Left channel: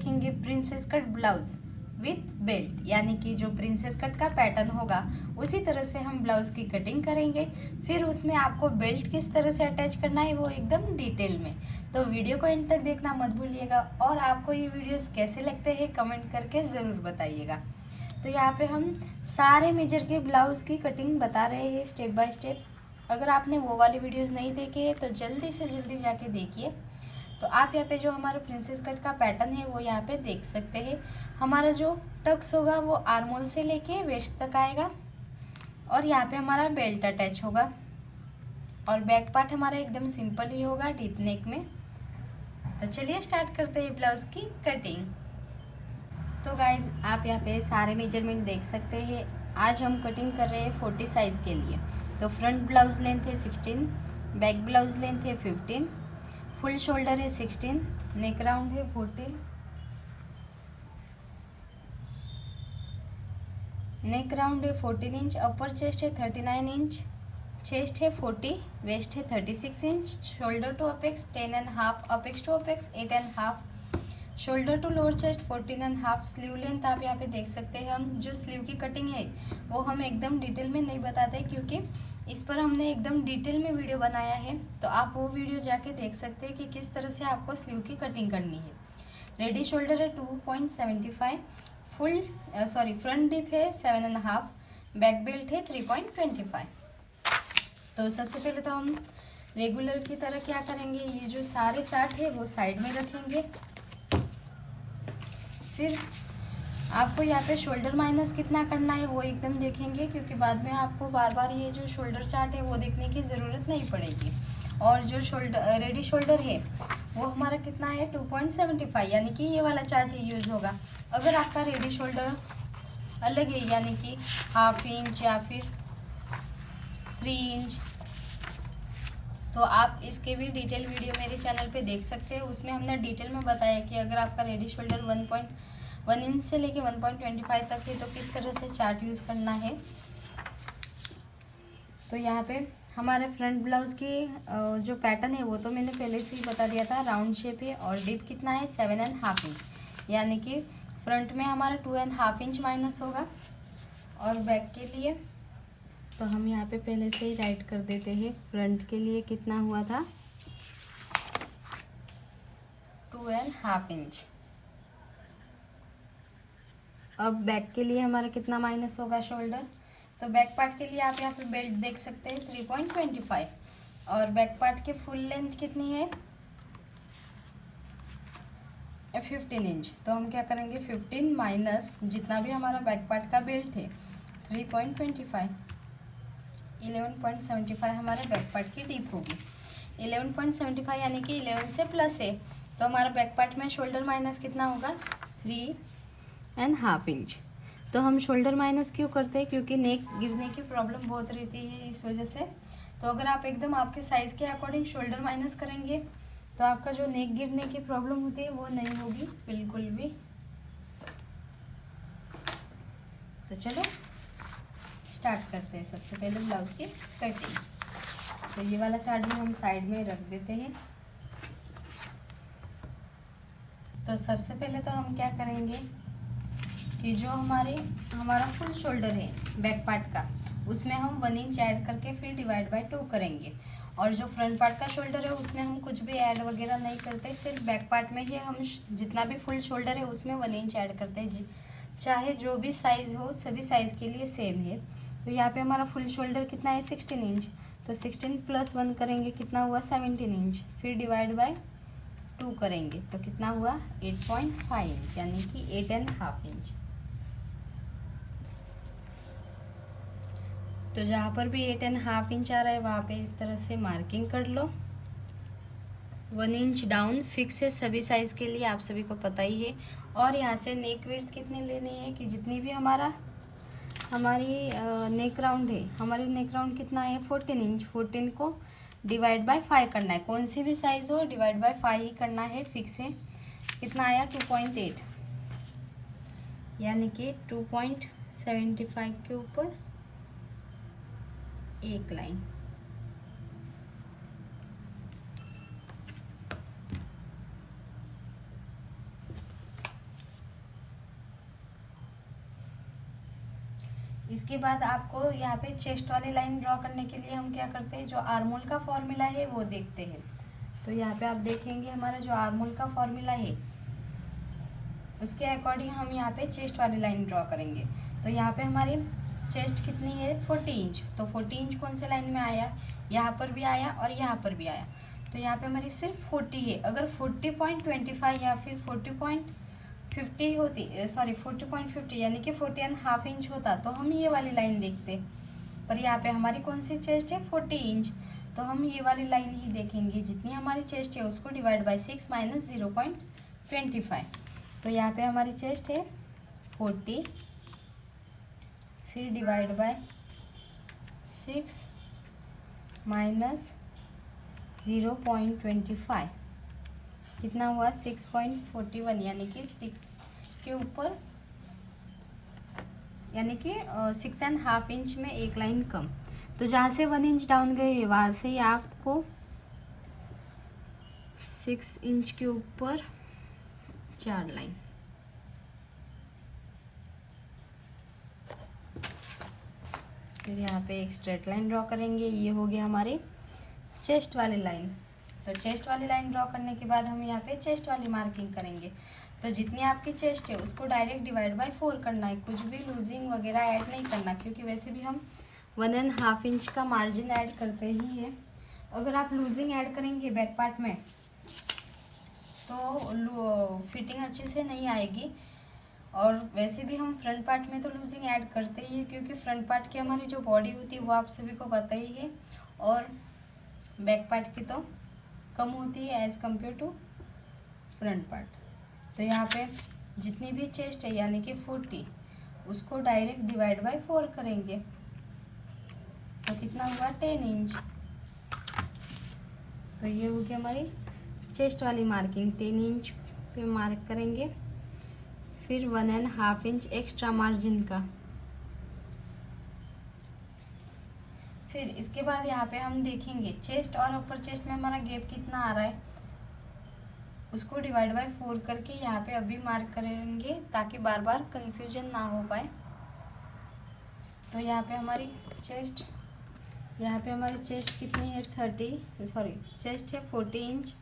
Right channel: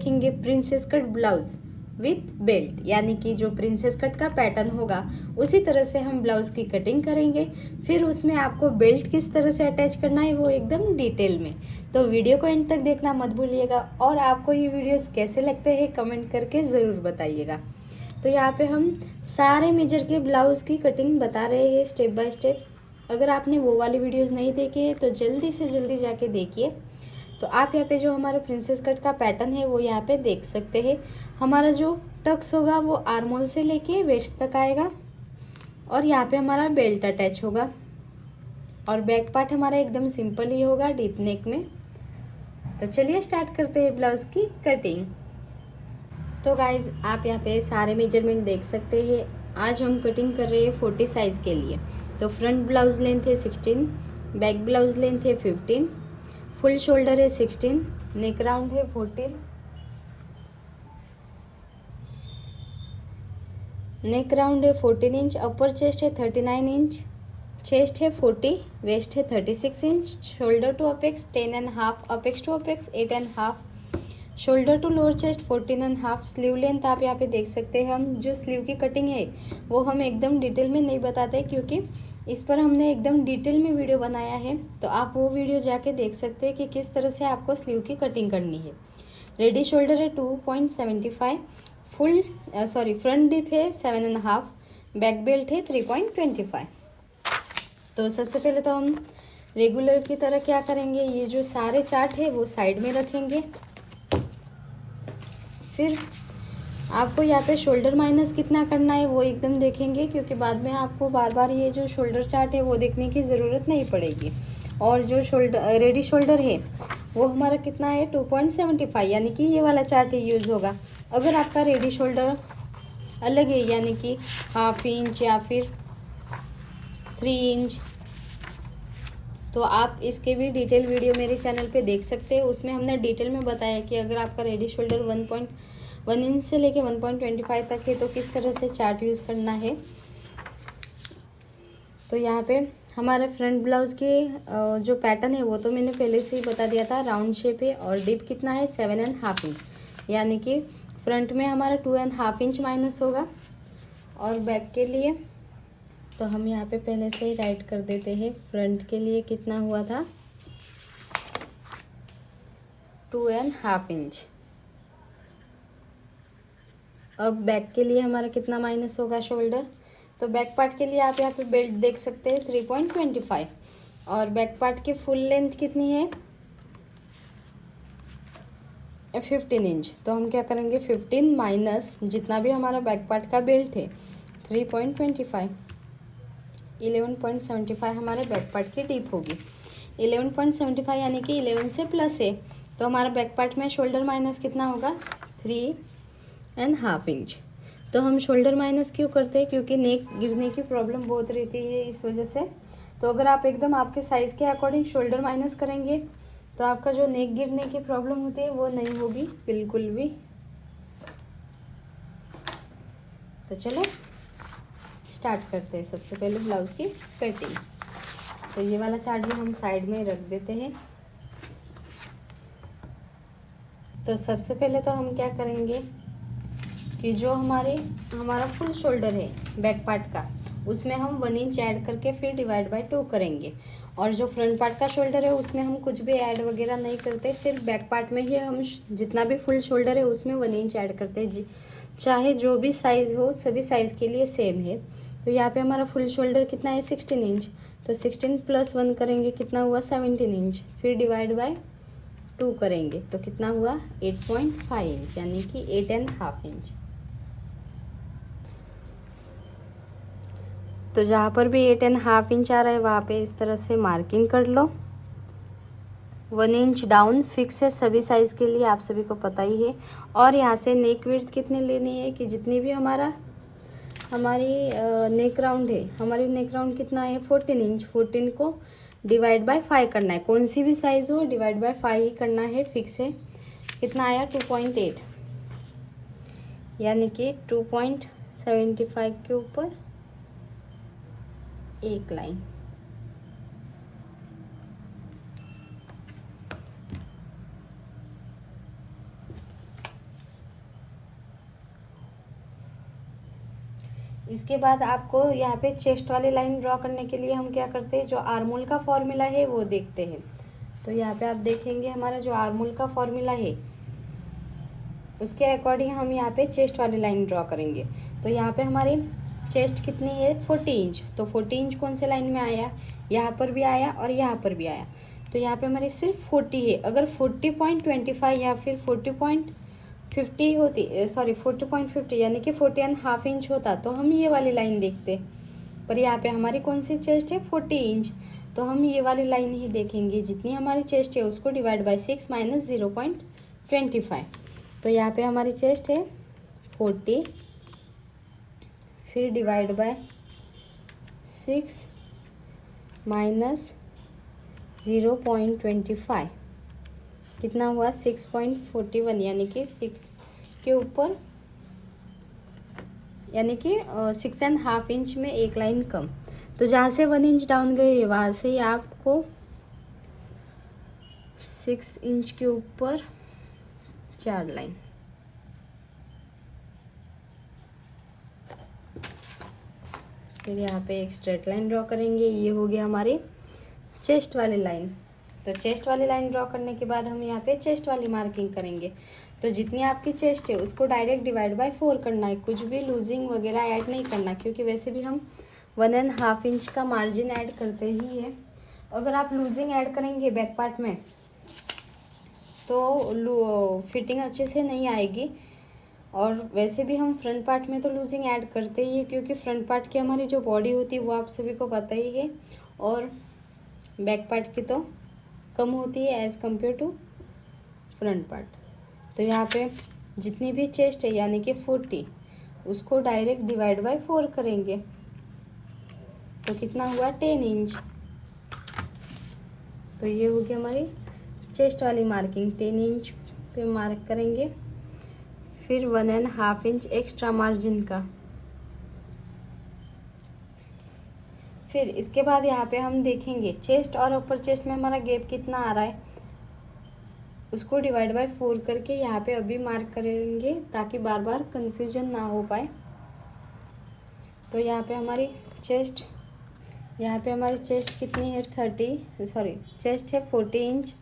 देखेंगे princess cut blouse with belt, यानी कि जो प्रिंसेस कट का पैटर्न होगा उसी तरह से हम ब्लाउज की कटिंग करेंगे। फिर उसमें आपको बेल्ट किस तरह से अटैच करना है वो एकदम डिटेल में। तो वीडियो को एंड तक देखना मत भूलिएगा, और आपको ये वीडियोस कैसे लगते हैं कमेंट करके ज़रूर बताइएगा। तो यहाँ पे हम सारे मेजर के ब्लाउज की कटिंग बता रहे हैं स्टेप बाय स्टेप। अगर आपने वो वाली वीडियोस नहीं देखे तो जल्दी से जल्दी जाके देखिए। तो आप यहाँ पे जो हमारा प्रिंसेस कट का पैटर्न है वो यहाँ पे देख सकते हैं। हमारा जो टक्स होगा वो आर्मोल से लेके वेस्ट तक आएगा, और यहाँ पे हमारा बेल्ट अटैच होगा, और बैक पार्ट हमारा एकदम सिंपल ही होगा डीप नेक में। तो चलिए स्टार्ट करते हैं ब्लाउज की कटिंग। तो गाइज आप यहाँ पे सारे मेजरमेंट देख सकते हैं। आज हम कटिंग कर रहे हैं 40 साइज़ के लिए। तो फ्रंट ब्लाउज लेंथ है 16, बैक ब्लाउज लेंथ है 15, फुल शोल्डर है 16, नेक राउंड है 14, नेक राउंड है 14 इंच, अपर चेस्ट है 39 इंच, चेस्ट है 40, वेस्ट है 36 inch, shoulder to apex 10.5, apex to apex 8.5, shoulder to lower chest 14.5। Sleeve length आप यहाँ पे देख सकते हैं। हम जो स्लीव की कटिंग है वो हम एकदम डिटेल में नहीं बताते, क्योंकि इस पर हमने एकदम डिटेल में वीडियो बनाया है। तो आप वो वीडियो जाके देख सकते हैं कि किस तरह से आपको स्लीव की कटिंग करनी है। रेडी शोल्डर है 2.75, फ्रंट डिप है 7.5, बैक बेल्ट है 3.25। तो सबसे पहले तो हम रेगुलर की तरह क्या करेंगे, ये जो सारे चार्ट है वो साइड में रखेंगे। फिर आपको यहाँ पे शोल्डर माइनस कितना करना है वो एकदम देखेंगे, क्योंकि बाद में आपको बार बार ये जो शोल्डर चार्ट है वो देखने की ज़रूरत नहीं पड़ेगी। और जो शोल्डर रेडी शोल्डर है वो हमारा कितना है 2.75, यानी कि ये वाला चार्ट ही यूज़ होगा। अगर आपका रेडी शोल्डर अलग है, यानी कि 1/2 इंच या फिर 3 इंच, तो आप इसके भी डिटेल वीडियो मेरे चैनल पे देख सकते हैं। उसमें हमने डिटेल में बताया कि अगर आपका रेडी शोल्डर 1.1 इंच से लेके 1.25 तक है तो किस तरह से चार्ट यूज़ करना है। तो यहाँ पे हमारे फ्रंट ब्लाउज के जो पैटर्न है वो तो मैंने पहले से ही बता दिया था। राउंड शेप है और डिप कितना है 7.5 इंच, यानी कि फ्रंट में हमारा 2.5 इंच माइनस होगा। और बैक के लिए तो हम यहाँ पे पहले से ही राइट कर देते हैं। फ्रंट के लिए कितना हुआ था 2.5 इंच। अब बैक के लिए हमारा कितना माइनस होगा शोल्डर, तो बैक पार्ट के लिए आप यहाँ पे बेल्ट देख सकते हैं 3.25, और बैक पार्ट की फुल लेंथ कितनी है 15 इंच। तो हम क्या करेंगे 15 माइनस जितना भी हमारा बैक पार्ट का बेल्ट है 3.25, 11.75 हमारे बैक पार्ट की डीप होगी। 11.75 यानी कि 11 से प्लस है, तो हमारा बैक पार्ट में शोल्डर माइनस कितना होगा 3.5 इंच। तो हम शोल्डर माइनस क्यों करते हैं, क्योंकि नेक गिरने की प्रॉब्लम बहुत रहती है इस वजह से। तो अगर आप एकदम आपके साइज़ के अकॉर्डिंग शोल्डर माइनस करेंगे तो आपका जो नेक गिरने की प्रॉब्लम होती है वो नहीं होगी बिल्कुल भी। तो चलो स्टार्ट करते हैं। सबसे पहले ब्लाउज की कटिंग। तो ये वाला चार्ट भी हम साइड में रख देते हैं। तो सबसे पहले तो हम क्या करेंगे कि जो हमारा फुल शोल्डर है बैक पार्ट का, उसमें हम 1 इंच ऐड करके फिर डिवाइड बाय 2 करेंगे। और जो फ्रंट पार्ट का शोल्डर है उसमें हम कुछ भी ऐड वगैरह नहीं करते, सिर्फ बैक पार्ट में ही हम जितना भी फुल शोल्डर है उसमें 1 इंच ऐड करते हैं। चाहे जो भी साइज़ हो सभी साइज़ के लिए सेम है। तो यहाँ पे हमारा फुल शोल्डर कितना है 16 इंच, तो 16 + 1 करेंगे कितना हुआ 17 इंच, फिर डिवाइड बाय 2 करेंगे तो कितना हुआ 8.5 इंच, यानी कि 8.5 इंच। तो जहाँ पर भी 8.5 इंच आ रहा है वहाँ पे इस तरह से मार्किंग कर लो। 1 इंच डाउन फिक्स है सभी साइज़ के लिए, आप सभी को पता ही है। और यहाँ से नेक विड्थ कितनी लेनी है कि जितनी भी हमारी नेक राउंड है, हमारी नेक राउंड कितना है 14 इंच, 14 को डिवाइड बाय 5 करना है। कौन सी भी साइज़ हो डिवाइड बाय 5 ही करना है, फिक्स है। कितना आया 2.8, यानी कि 2.75 के ऊपर एक लाइन। इसके बाद आपको यहाँ पे चेस्ट वाली लाइन ड्रॉ करने के लिए हम क्या करते हैं, जो आर्मोल का फॉर्मूला है वो देखते हैं। तो यहाँ पे आप देखेंगे हमारा जो आर्मोल का फॉर्मूला है उसके अकॉर्डिंग हम यहाँ पे चेस्ट वाली लाइन ड्रॉ करेंगे। तो यहाँ पे हमारी चेस्ट कितनी है, 40 इंच। तो 40 इंच कौन से लाइन में आया, यहाँ पर भी आया और यहाँ पर भी आया। तो यहाँ पे हमारी सिर्फ 40 है। अगर 40.25 या फिर 40.50 होती, सॉरी 40.50 यानी कि 40.5 इंच होता तो हम ये वाली लाइन देखते। पर यहाँ पे हमारी कौन सी चेस्ट है, 40 इंच। तो हम ये वाली लाइन ही देखेंगे। जितनी हमारी चेस्ट है उसको डिवाइड बाय 6 माइनस 0.25। तो यहाँ पे हमारी चेस्ट है 40, फिर डिवाइड बाय 6 माइनस 0.25 कितना हुआ, 6.41 यानी कि 6 के ऊपर, यानी कि 6.5 इंच में एक लाइन कम। तो जहाँ से 1 इंच डाउन गए वहाँ से ही आपको 6 इंच के ऊपर 4 लाइन। फिर यहाँ पे एक स्ट्रेट लाइन ड्रॉ करेंगे। ये हो गया हमारी चेस्ट वाली लाइन। तो चेस्ट वाली लाइन ड्रॉ करने के बाद हम यहाँ पे चेस्ट वाली मार्किंग करेंगे। तो जितनी आपकी चेस्ट है उसको डायरेक्ट डिवाइड बाय 4 करना है। कुछ भी लूजिंग वगैरह ऐड नहीं करना, क्योंकि वैसे भी हम 1.5 इंच का मार्जिन ऐड करते ही है। अगर आप लूजिंग ऐड करेंगे बैक पार्ट में तो फिटिंग अच्छे से नहीं आएगी। और वैसे भी हम फ्रंट पार्ट में तो लूजिंग ऐड करते ही है, क्योंकि फ्रंट पार्ट की हमारी जो बॉडी होती है वो आप सभी को पता ही है, और बैक पार्ट की तो कम होती है as compare to front part. तो यहाँ पे जितनी भी चेस्ट है यानी कि 40, उसको डायरेक्ट डिवाइड बाय 4 करेंगे। तो कितना हुआ, 10 इंच। तो ये हो गया हमारी चेस्ट वाली मार्किंग। 10 इंच पे मार्क करेंगे। फिर 1.5 इंच एक्स्ट्रा मार्जिन का। फिर इसके बाद यहाँ पे हम देखेंगे चेस्ट और अपर चेस्ट में हमारा गैप कितना आ रहा है, उसको डिवाइड बाय 4 करके यहाँ पे अभी मार्क करेंगे, ताकि बार बार कंफ्यूजन ना हो पाए। तो यहाँ पे हमारी चेस्ट कितनी है, चेस्ट है 40 इंच,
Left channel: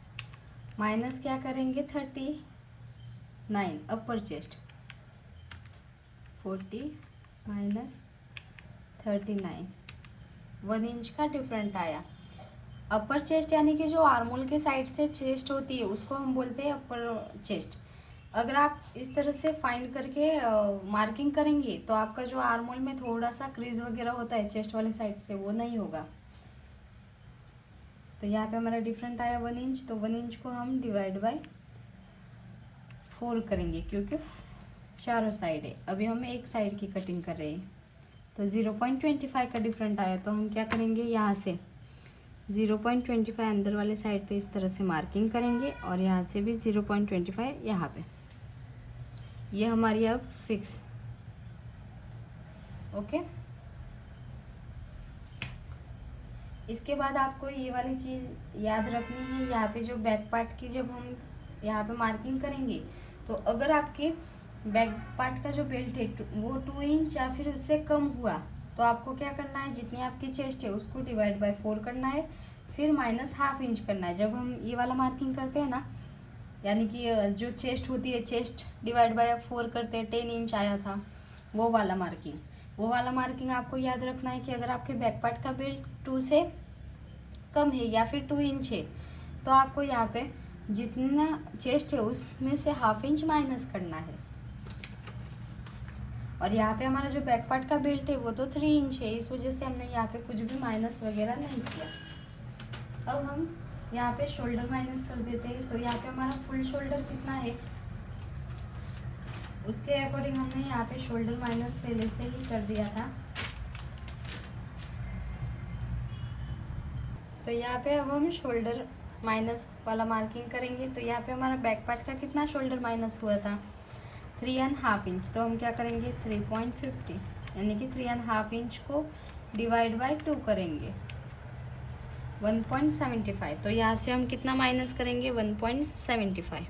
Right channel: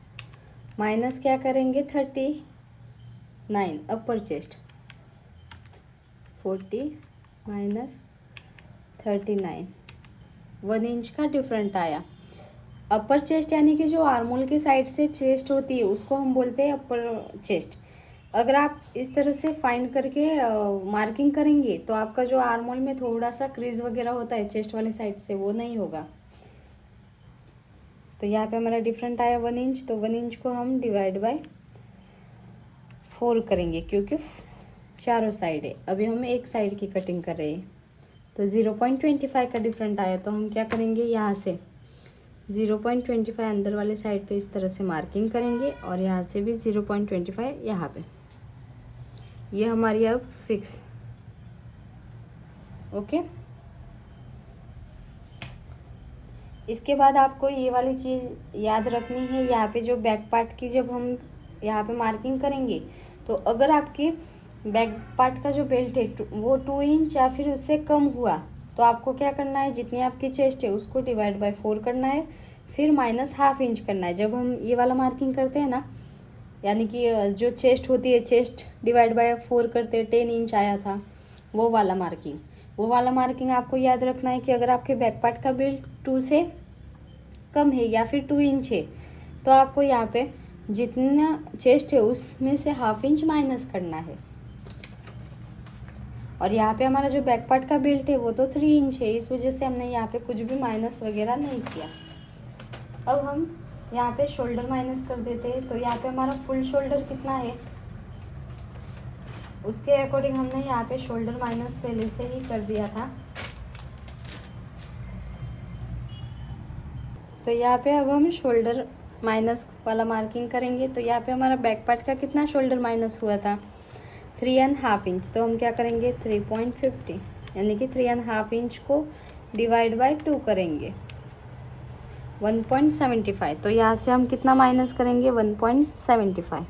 माइनस क्या करेंगे 39 अपर चेस्ट, 40 माइनस 39, 1 इंच का डिफरेंट आया। अपर चेस्ट यानी कि जो आर्मोल की साइड से चेस्ट होती है उसको हम बोलते हैं अपर चेस्ट। अगर आप इस तरह से फाइंड करके मार्किंग करेंगे तो आपका जो आर्मोल में थोड़ा सा क्रीज वगैरह होता है चेस्ट वाले साइड से, वो नहीं होगा। तो यहाँ पे हमारा डिफरेंट आया 1 इंच। तो 1 इंच को हम डिवाइड बाय 4 करेंगे, क्योंकि चारों साइड है। अभी हम एक साइड की कटिंग कर रहे हैं। तो 0.25 का डिफरेंट आया। तो हम क्या करेंगे, यहाँ से 0.25 अंदर वाले साइड पे इस तरह से मार्किंग करेंगे, और यहाँ से भी 0.25 यहाँ पे। ये हमारी अब फिक्स, ओके। इसके बाद आपको ये वाली चीज़ याद रखनी है, यहाँ पे जो बैक पार्ट की जब हम यहाँ पे मार्किंग करेंगे, तो अगर आपकी बैक पार्ट का जो बेल्ट है वो 2 इंच या फिर उससे कम हुआ, तो आपको क्या करना है, जितनी आपकी चेस्ट है उसको डिवाइड बाय 4 करना है, फिर माइनस ½ इंच करना है। जब हम ये वाला मार्किंग करते हैं ना, यानी कि जो चेस्ट होती है, चेस्ट डिवाइड बाय 4 करते हैं, 10 इंच आया था, वो वाला मार्किंग आपको याद रखना है कि अगर आपके बैक पार्ट का बेल्ट 2 से कम है या फिर 2 इंच है, तो आपको यहाँ पे जितना चेस्ट है उसमें से ½ इंच माइनस करना है। और यहाँ पे हमारा जो बैक पार्ट का बेल्ट है वो तो 3 इंच है, इस वजह से हमने यहाँ पे कुछ भी माइनस वगैरह नहीं किया। अब हम यहाँ पे शोल्डर माइनस कर देते हैं। तो यहाँ पे हमारा फुल शोल्डर कितना है, उसके अकॉर्डिंग हमने यहाँ पे शोल्डर माइनस पहले से ही कर दिया था। तो यहाँ पे अब हम शोल्डर माइनस वाला मार्किंग करेंगे। तो यहाँ पे हमारा बैक पार्ट का कितना शोल्डर माइनस हुआ था, 3.5 इंच। तो हम क्या करेंगे 3.50, यानी कि 3.5 इंच को डिवाइड बाय 2 करेंगे, 1.75। तो यहाँ से हम कितना माइनस करेंगे, 1.75।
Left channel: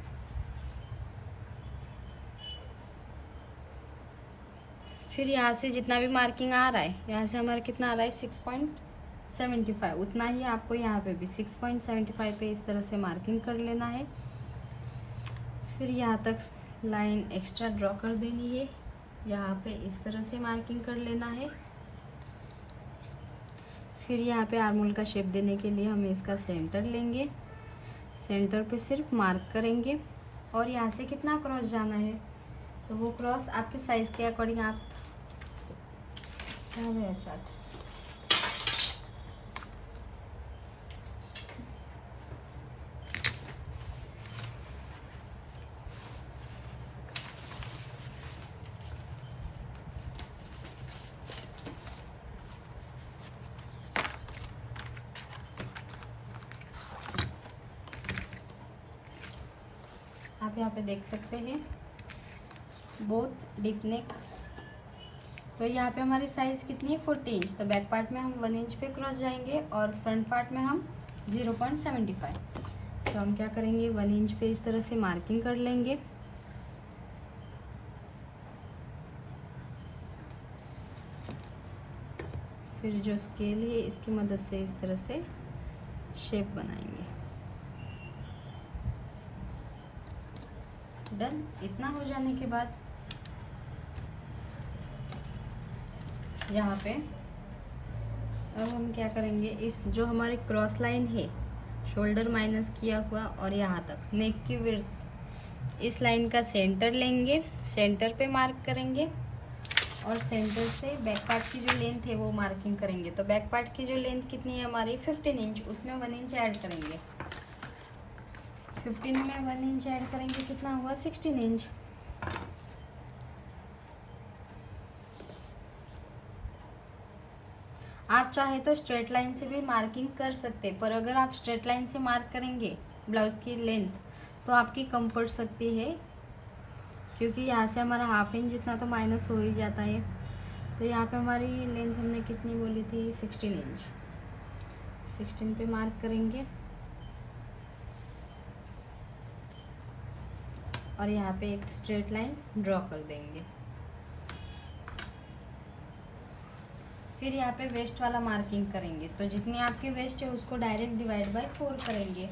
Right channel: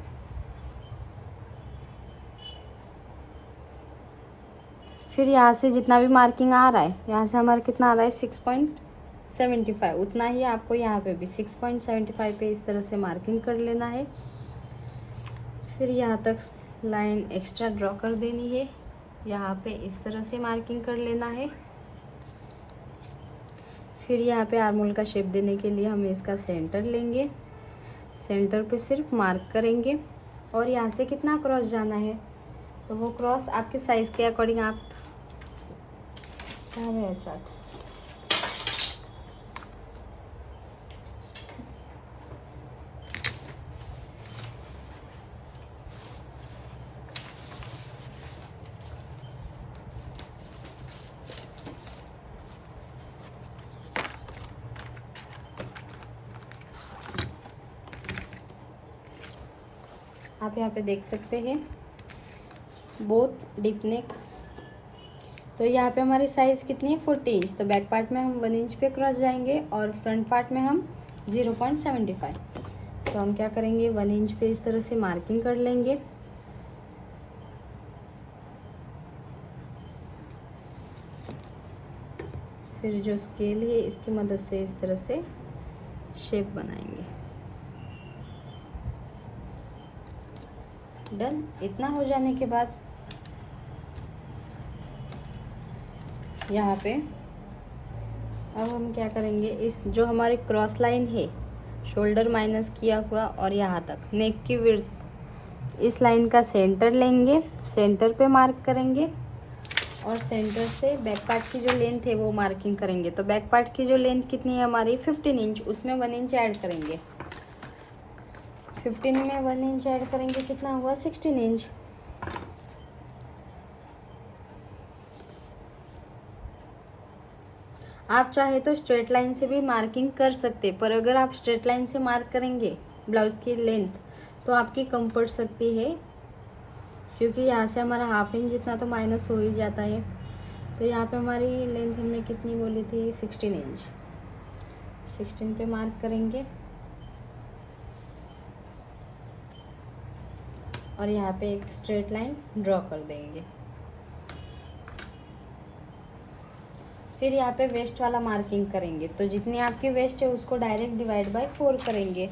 फिर यहाँ से जितना भी मार्किंग आ रहा है, यहाँ से हमारा कितना आ रहा है 6.75, उतना ही आपको यहाँ पे भी 6.75 पे इस तरह से मार्किंग कर लेना है। फिर यहाँ तक लाइन एक्स्ट्रा ड्रॉ कर देनी है, यहाँ पे इस तरह से मार्किंग कर लेना है। फिर यहाँ पे आर्मोल का शेप देने के लिए हम इसका सेंटर लेंगे, सेंटर पे सिर्फ मार्क करेंगे और यहाँ से कितना क्रॉस जाना है, तो वो क्रॉस आपके साइज़ के अकॉर्डिंग आप चार्ट आप यहाँ पे देख सकते हैं बोथ डीप नेक। तो यहाँ पे हमारी साइज़ कितनी है 40 इंच, तो बैक पार्ट में हम 1 इंच पे क्रॉस जाएंगे और फ्रंट पार्ट में हम 0.75। तो हम क्या करेंगे 1 इंच पे इस तरह से मार्किंग कर लेंगे। फिर जो स्केल है इसकी मदद से इस तरह से शेप बनाएंगे। डन। इतना हो जाने के बाद यहाँ पे अब हम क्या करेंगे, इस जो हमारी क्रॉस लाइन है शोल्डर माइनस किया हुआ और यहाँ तक नेक की विड्थ, इस लाइन का सेंटर लेंगे, सेंटर पे मार्क करेंगे और सेंटर से बैक पार्ट की जो लेंथ है वो मार्किंग करेंगे। तो बैक पार्ट की जो लेंथ कितनी है हमारी 15 इंच, उसमें 1 इंच ऐड करेंगे। 15 में 1 इंच ऐड करेंगे, कितना हुआ 16 इंच। आप चाहे तो स्ट्रेट लाइन से भी मार्किंग कर सकते, पर अगर आप स्ट्रेट लाइन से मार्क करेंगे ब्लाउज़ की लेंथ तो आपकी कम पड़ सकती है, क्योंकि यहाँ से हमारा हाफ इंच जितना तो माइनस हो ही जाता है। तो यहाँ पे हमारी लेंथ हमने कितनी बोली थी 16 इंच, 16 पे मार्क करेंगे और यहाँ पे एक स्ट्रेट लाइन ड्रॉ कर देंगे। फिर यहाँ पे वेस्ट वाला मार्किंग करेंगे, तो जितनी आपकी वेस्ट है उसको डायरेक्ट डिवाइड बाय 4 करेंगे।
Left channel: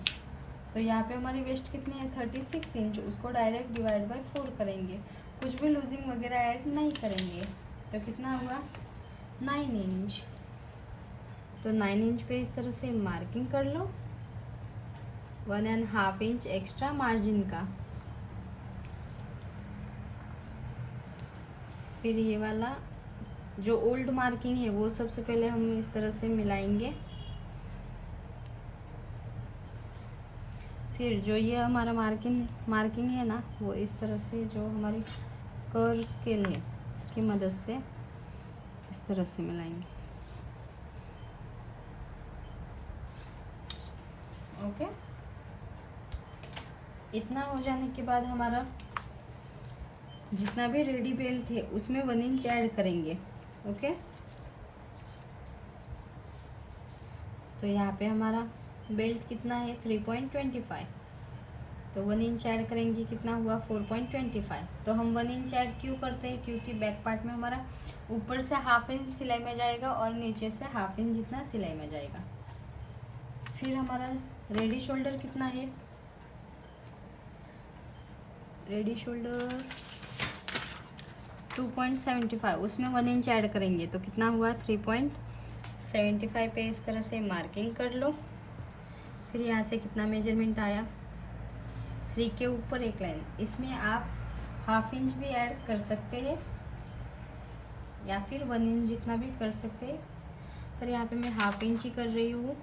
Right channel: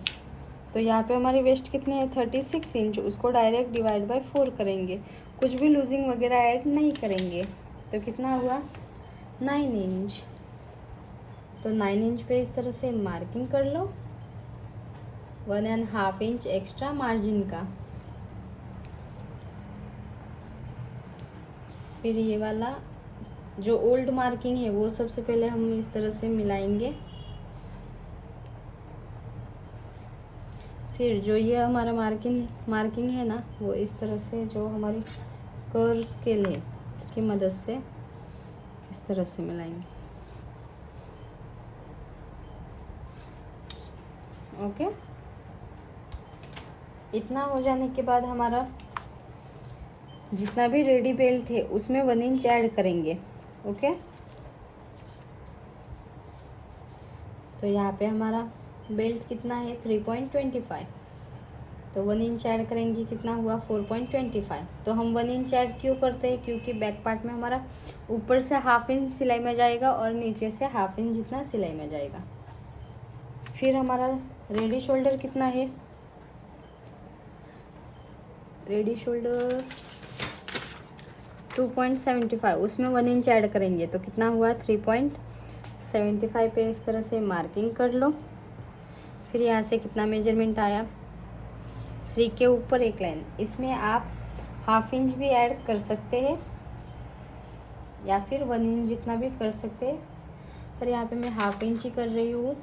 तो यहाँ पे हमारी वेस्ट कितनी है 36 इंच, उसको डायरेक्ट डिवाइड बाय 4 करेंगे, कुछ भी लूजिंग वगैरह ऐड नहीं करेंगे। तो कितना हुआ 9 इंच। तो 9 इंच पे इस तरह से मार्किंग कर लो, 1.5 इंच एक्स्ट्रा मार्जिन का। फिर ये वाला जो ओल्ड मार्किंग है वो सबसे पहले हम इस तरह से मिलाएंगे। फिर जो ये हमारा मार्किंग है ना, वो इस तरह से जो हमारी कर्व स्केल है इसकी मदद से इस तरह से मिलाएंगे। ओके। इतना हो जाने के बाद हमारा जितना भी रेडी बेल्ट है उसमें 1 इंच ऐड करेंगे। ओके। तो यहाँ पे हमारा बेल्ट कितना है 3.25, तो 1 इंच ऐड करेंगे, कितना हुआ 4.25। तो हम 1 इंच ऐड क्यों करते हैं, क्योंकि बैक पार्ट में हमारा ऊपर से हाफ इंच सिलाई में जाएगा और नीचे से हाफ इंच जितना सिलाई में जाएगा। फिर हमारा रेडी शोल्डर कितना है, रेडी शोल्डर 2.75, उसमें 1 इंच ऐड करेंगे, तो कितना हुआ 3.75 पे इस तरह से मार्किंग कर लो। फिर यहाँ से कितना मेजरमेंट आया 3 के ऊपर एक लाइन, इसमें आप हाफ इंच भी ऐड कर सकते हैं या फिर 1 इंच जितना भी कर सकते हैं, पर यहाँ पे मैं हाफ इंच ही कर रही हूँ।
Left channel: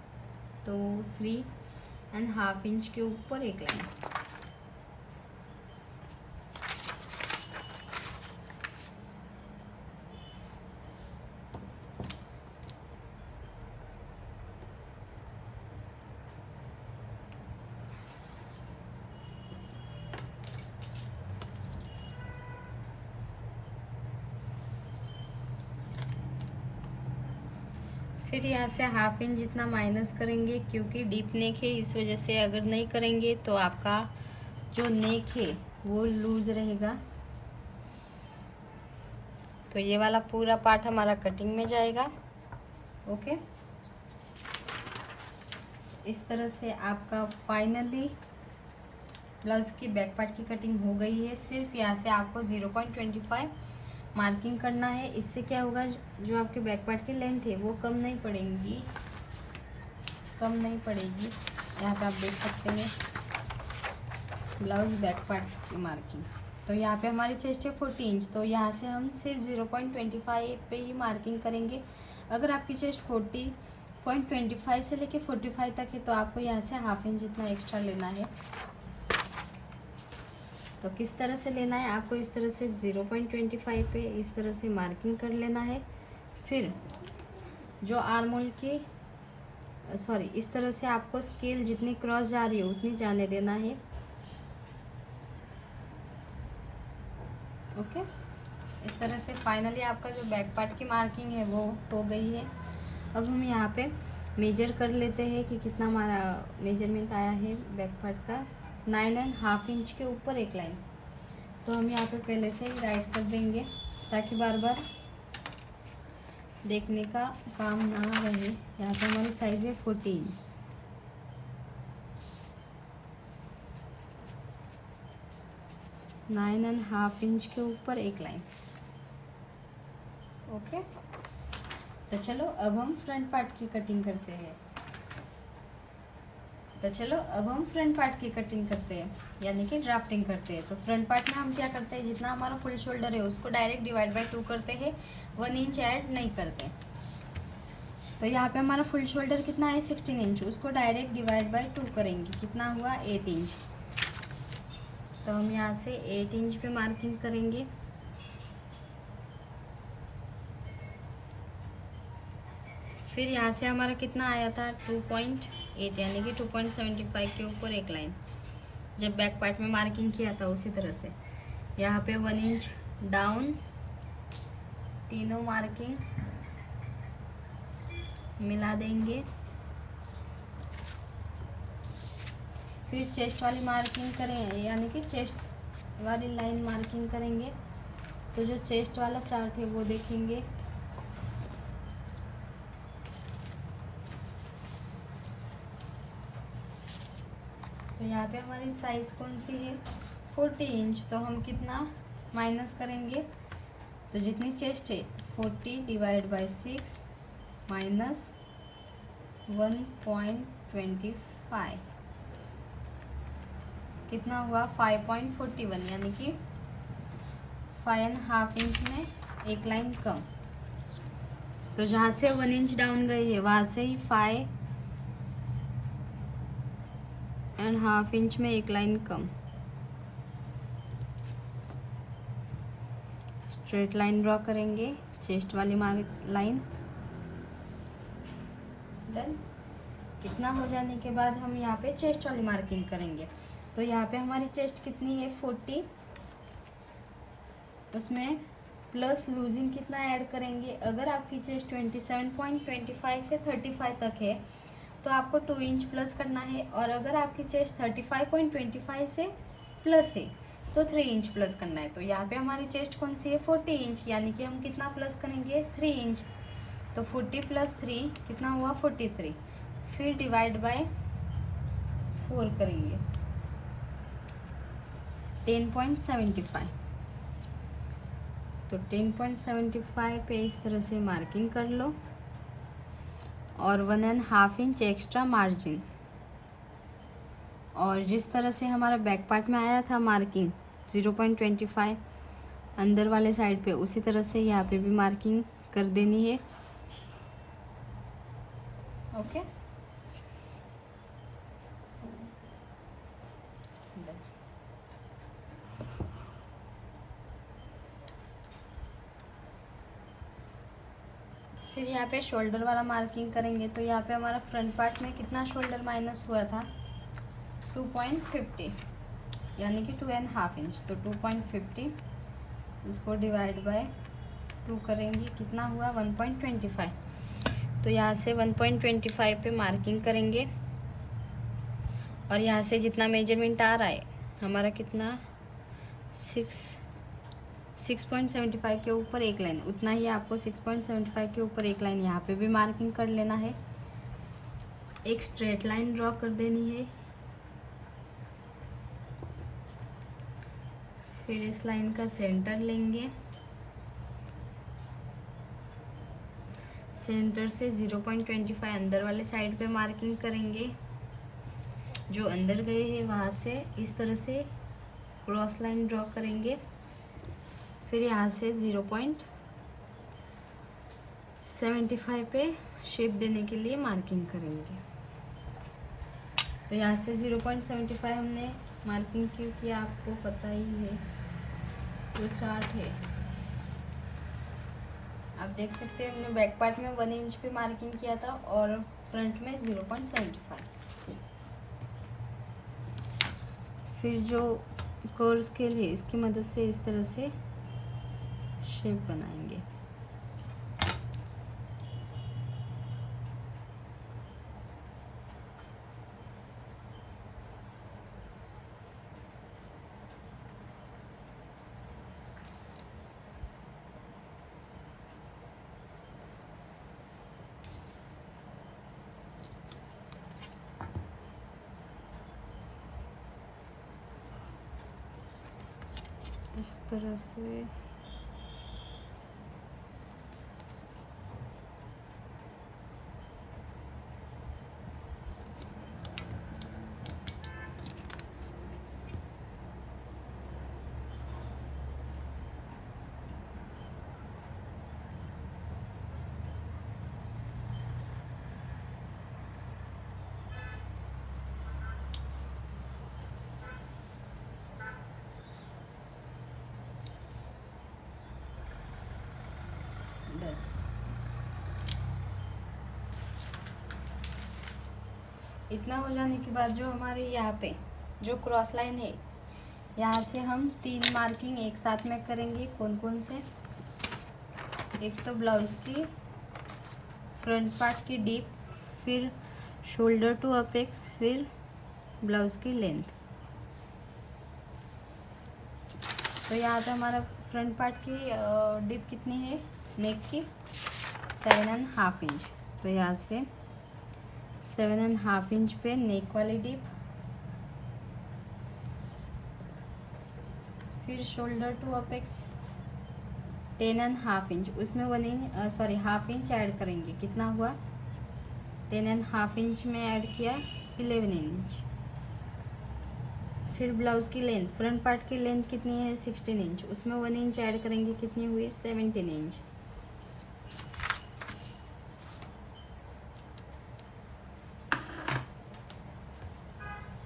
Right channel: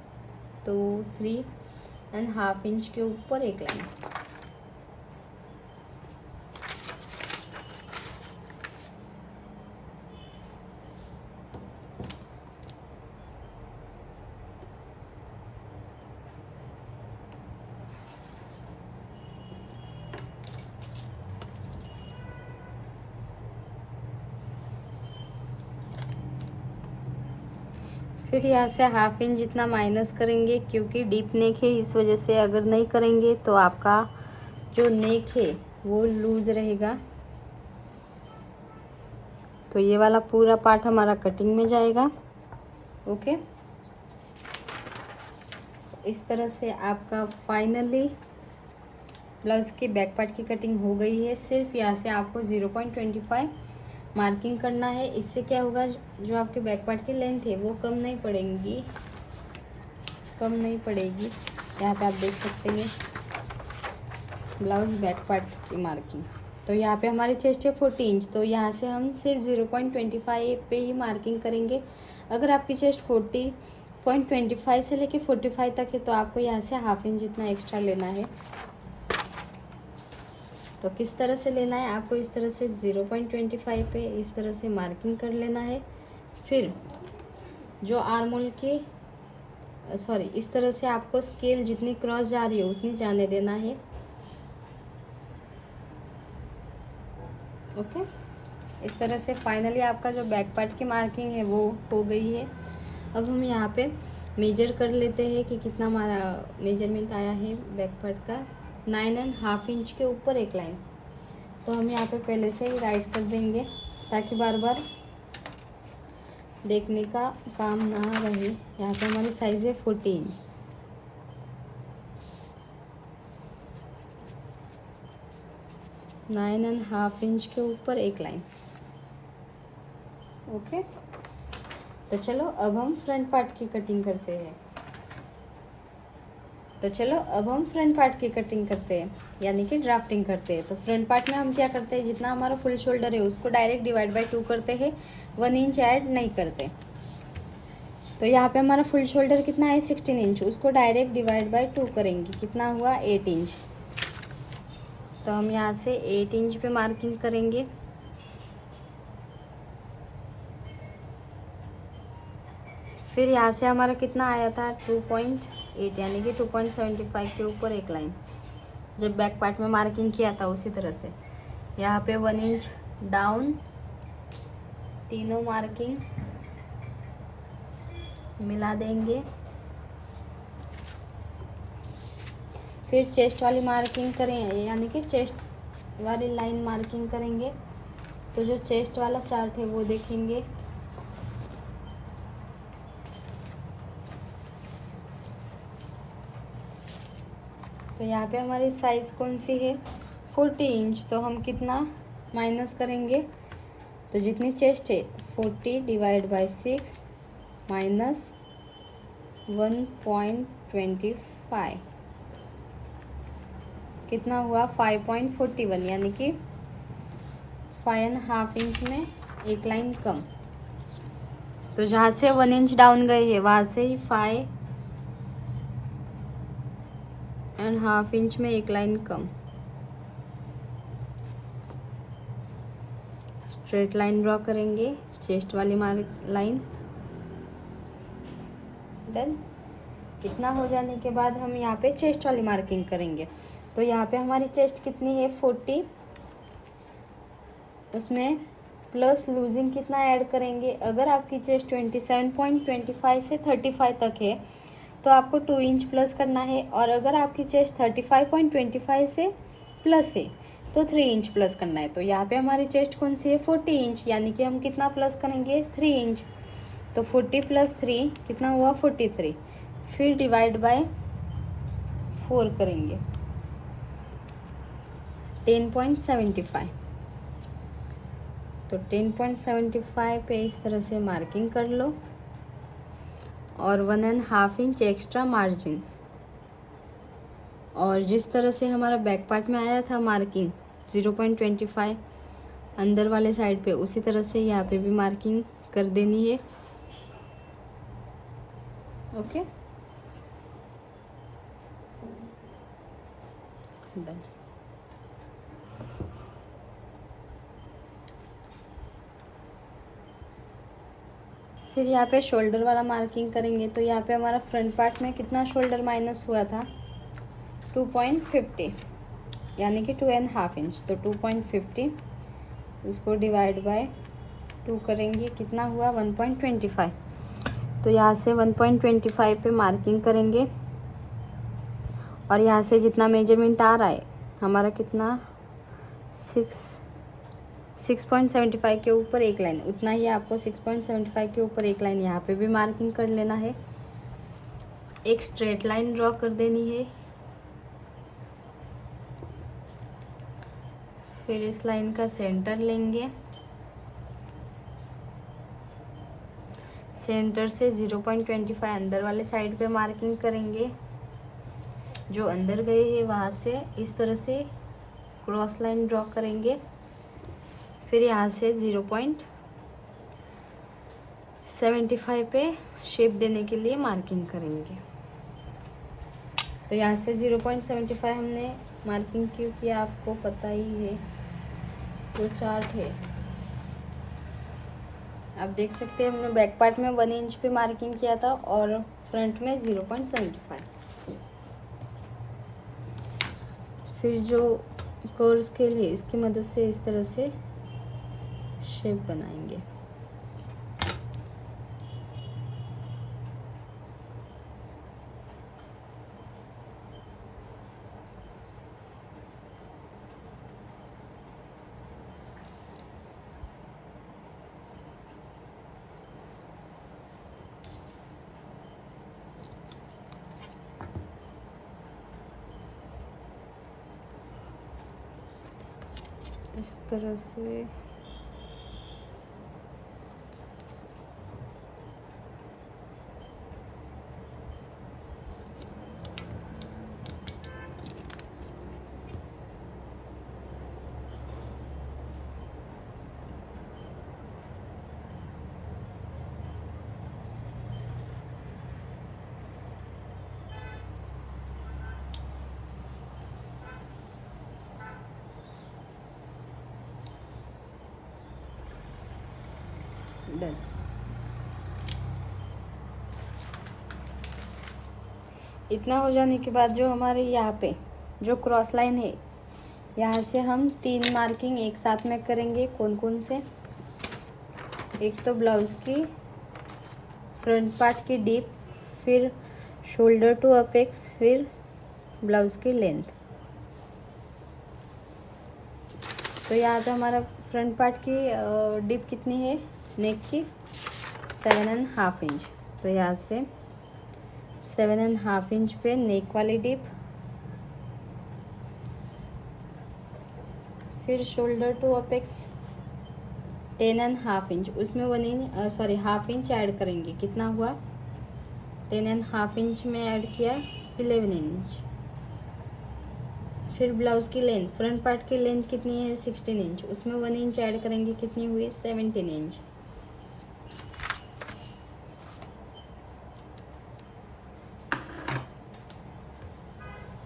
तो 3.5 इंच के ऊपर एक लाइन। फिर यहाँ से हाफ इंच जितना माइनस करेंगे, क्योंकि डीप नेक है इस वजह से अगर नहीं करेंगे तो आपका जो नेक है वो लूज रहेगा। तो ये वाला पूरा पार्ट हमारा कटिंग में जाएगा। ओके, इस तरह से आपका फाइनली ब्लाउज की बैक पार्ट की कटिंग हो गई है। सिर्फ यहाँ से आपको 0.25 मार्किंग करना है। इससे क्या होगा, जो आपके बैक पार्ट की लेंथ है वो कम नहीं पड़ेगी। यहाँ पे आप देख सकते हैं ब्लाउज बैक पार्ट की मार्किंग। तो यहाँ पे हमारी चेस्ट है 40 इंच, तो यहाँ से हम सिर्फ 0.25 पे ही मार्किंग करेंगे। अगर आपकी चेस्ट 40.25 से लेके 45 तक है तो आपको यहाँ से हाफ इंच जितना एक्स्ट्रा लेना है। तो किस तरह से लेना है, आपको इस तरह से 0.25 पे इस तरह से मार्किंग कर लेना है। फिर जो आर्मोल के इस तरह से आपको स्केल जितनी क्रॉस जा रही है उतनी जाने देना है। ओके, इस तरह से फाइनली आपका जो बैक पार्ट की मार्किंग है वो हो गई है। अब हम यहाँ पे मेजर कर लेते हैं कि कितना हमारा मेजरमेंट आया है बैक पार्ट का। 9.5 इंच के ऊपर एक लाइन, तो हम यहाँ पे पहले से ही राइट कर देंगे ताकि बार बार देखने का काम ना रहे। यहाँ पे हमारी साइज़ है 14। नाइन एंड हाफ इंच के ऊपर एक लाइन। ओके, तो चलो अब हम फ्रंट पार्ट की कटिंग करते हैं। यानी कि ड्राफ्टिंग करते हैं। तो फ्रंट पार्ट में हम क्या करते हैं, जितना हमारा फुल शोल्डर है उसको डायरेक्ट डिवाइड बाय 2 करते हैं, 1 इंच ऐड नहीं करते। तो यहाँ पे हमारा फुल शोल्डर कितना है 16 इंच, उसको डायरेक्ट डिवाइड बाय 2 करेंगे, कितना हुआ 8 इंच। तो हम यहाँ से 8 इंच पे मार्किंग करेंगे। फिर यहाँ से हमारा कितना आया था 2.8 यानी कि 2.75 के ऊपर एक लाइन, जब बैक पार्ट में मार्किंग किया था उसी तरह से यहाँ पे 1 इंच डाउन, तीनों मार्किंग मिला देंगे। फिर चेस्ट वाली मार्किंग करें, यानी कि चेस्ट वाली लाइन मार्किंग करेंगे। तो जो चेस्ट वाला चार्ट है वो देखेंगे। तो यहाँ पे हमारी साइज़ कौन सी है 40 इंच, तो हम कितना माइनस करेंगे, तो जितनी चेस्ट है 40 डिवाइड बाय 6 माइनस 1.25 कितना हुआ 5.41, यानी कि 5.5 इंच में एक लाइन कम। तो जहाँ से 1 इंच डाउन गए हैं वहाँ से ही 5.5 इंच में एक लाइन कम। स्ट्रेट लाइन ड्रॉ करेंगे, चेस्ट वाली लाइन। डन। इतना हो जाने के बाद हम यहाँ पे चेस्ट वाली मार्किंग करेंगे। तो यहाँ पे हमारी चेस्ट कितनी है 40, उसमें प्लस लूजिंग कितना ऐड करेंगे। अगर आपकी चेस्ट 27.25 से 35 तक है तो आपको 2 इंच प्लस करना है, और अगर आपकी चेस्ट 35.25 से प्लस है तो 3 इंच प्लस करना है। तो यहाँ पे हमारी चेस्ट कौन सी है 40 इंच, यानी कि हम कितना प्लस करेंगे 3 इंच। तो 40 + 3 कितना हुआ 43। फिर डिवाइड बाय 4 करेंगे 10.75। तो 10.75 पे इस तरह से मार्किंग कर लो, और 1.5 इंच एक्स्ट्रा मार्जिन। और जिस तरह से हमारा बैक पार्ट में आया था मार्किंग 0.25 अंदर वाले साइड पे, उसी तरह से यहाँ पे भी मार्किंग कर देनी है। ओके, फिर यहाँ पे शोल्डर वाला मार्किंग करेंगे। तो यहाँ पे हमारा फ्रंट पार्ट में कितना शोल्डर माइनस हुआ था 2.50, यानी कि 2.5 इंच। तो 2.50 उसको डिवाइड बाय 2 करेंगे, कितना हुआ 1.25। तो यहाँ से 1.25 पे मार्किंग करेंगे, और यहाँ से जितना मेजरमेंट आ रहा है हमारा कितना 6.75 के ऊपर एक लाइन, उतना ही आपको 6.75 के ऊपर एक लाइन यहाँ पे भी मार्किंग कर लेना है। एक स्ट्रेट लाइन ड्रॉ कर देनी है। फिर इस लाइन का सेंटर लेंगे, सेंटर से 0.25 अंदर वाले साइड पे मार्किंग करेंगे। जो अंदर गए हैं वहाँ से इस तरह से क्रॉस लाइन ड्रॉ करेंगे। फिर यहाँ से 0.75 पे शेप देने के लिए मार्किंग करेंगे। तो यहाँ से 0.75 हमने मार्किंग क्यों किया आपको पता ही है, जो चार्ट है आप देख सकते हैं। हमने बैक पार्ट में 1 इंच पे मार्किंग किया था और फ्रंट में 0.75। फिर जो कर्व स्केल है इसकी मदद से इस तरह से शेप बनाएंगे। इस तरह से डन। इतना हो जाने के बाद जो हमारे यहाँ पे जो क्रॉस लाइन है यहाँ से हम 3 मार्किंग एक साथ में करेंगे। कौन कौन से? एक तो ब्लाउज की फ्रंट पार्ट की डीप, फिर शोल्डर टू अपेक्स, फिर ब्लाउज की लेंथ। तो यहाँ पे हमारा फ्रंट पार्ट की डीप कितनी है नेक की? 7.5 इंच। तो यहाँ से 7.5 इंच पे नेक वाली डीप। फिर शोल्डर टू अपेक्स 10.5 इंच, उसमें 1.5 इंच ऐड करेंगे। कितना हुआ? 10.5 इंच में ऐड किया 11 इंच। फिर ब्लाउज की लेंथ, फ्रंट पार्ट की लेंथ कितनी है? 16 इंच, उसमें 1 इंच ऐड करेंगे। कितनी हुई? 17 इंच।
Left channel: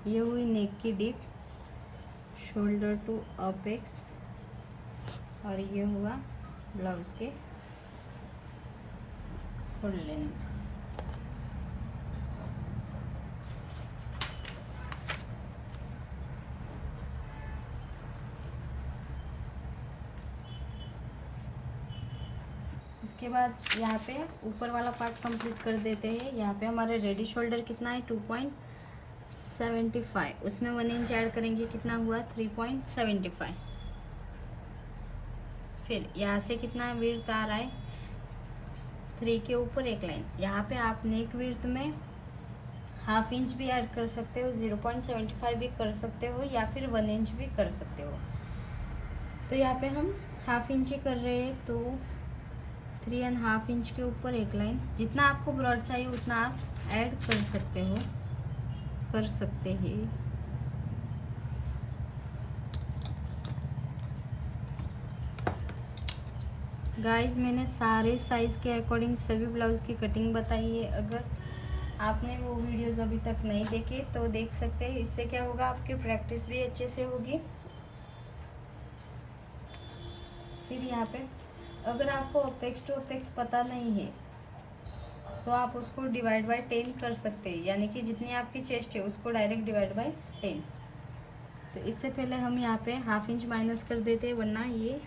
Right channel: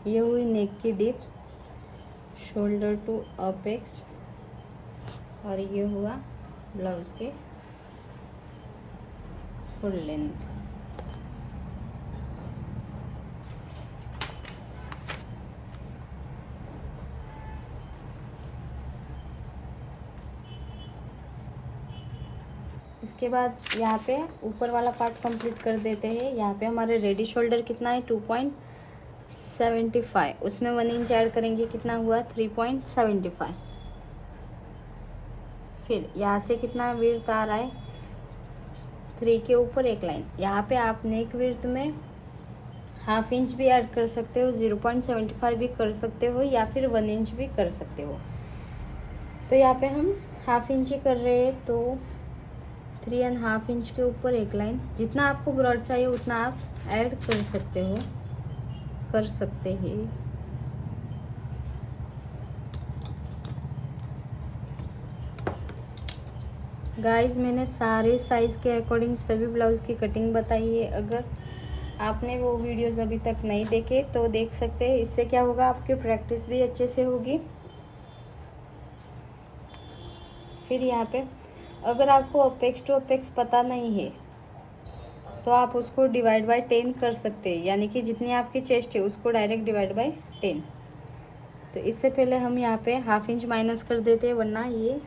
ये हुई नेक की डीप, शोल्डर टू अपेक्स, और ये हुआ ब्लाउज के फुल लेंथ। इसके बाद यहाँ पे ऊपर वाला पार्ट कंप्लीट कर देते हैं। यहाँ पे हमारे रेडी शोल्डर कितना है? 2.75, उसमें 1 इंच ऐड करेंगे। कितना हुआ? 3.75। फिर यहाँ से कितना विड्थ आ रहा है? 3 के ऊपर एक लाइन। यहाँ पे आप नेक विड्थ में 1/2 इंच भी ऐड कर सकते हो, 0.75 भी कर सकते हो, या फिर 1 इंच भी कर सकते हो। तो यहाँ पे हम 1/2 इंच ही कर रहे हैं, तो 3.5 इंच के ऊपर एक लाइन। जितना आपको ब्रॉड चाहिए उतना आप ऐड कर सकते हैं। गाइस, मैंने सारे साइज़ के अकॉर्डिंग सभी ब्लाउज़ की कटिंग बताई है। अगर आपने वो वीडियोस अभी तक नहीं देखे तो देख सकते हैं। इससे क्या होगा, आपकी प्रैक्टिस भी अच्छे से होगी। फिर यहाँ पे अगर आपको अपेक्स टू अपेक्स पता नहीं है तो आप उसको डिवाइड बाय 10 कर सकते हैं, यानी कि जितनी आपकी चेस्ट है उसको डायरेक्ट डिवाइड बाय 10। तो इससे पहले हम यहाँ पे 1/2 इंच माइनस कर देते हैं, वरना ये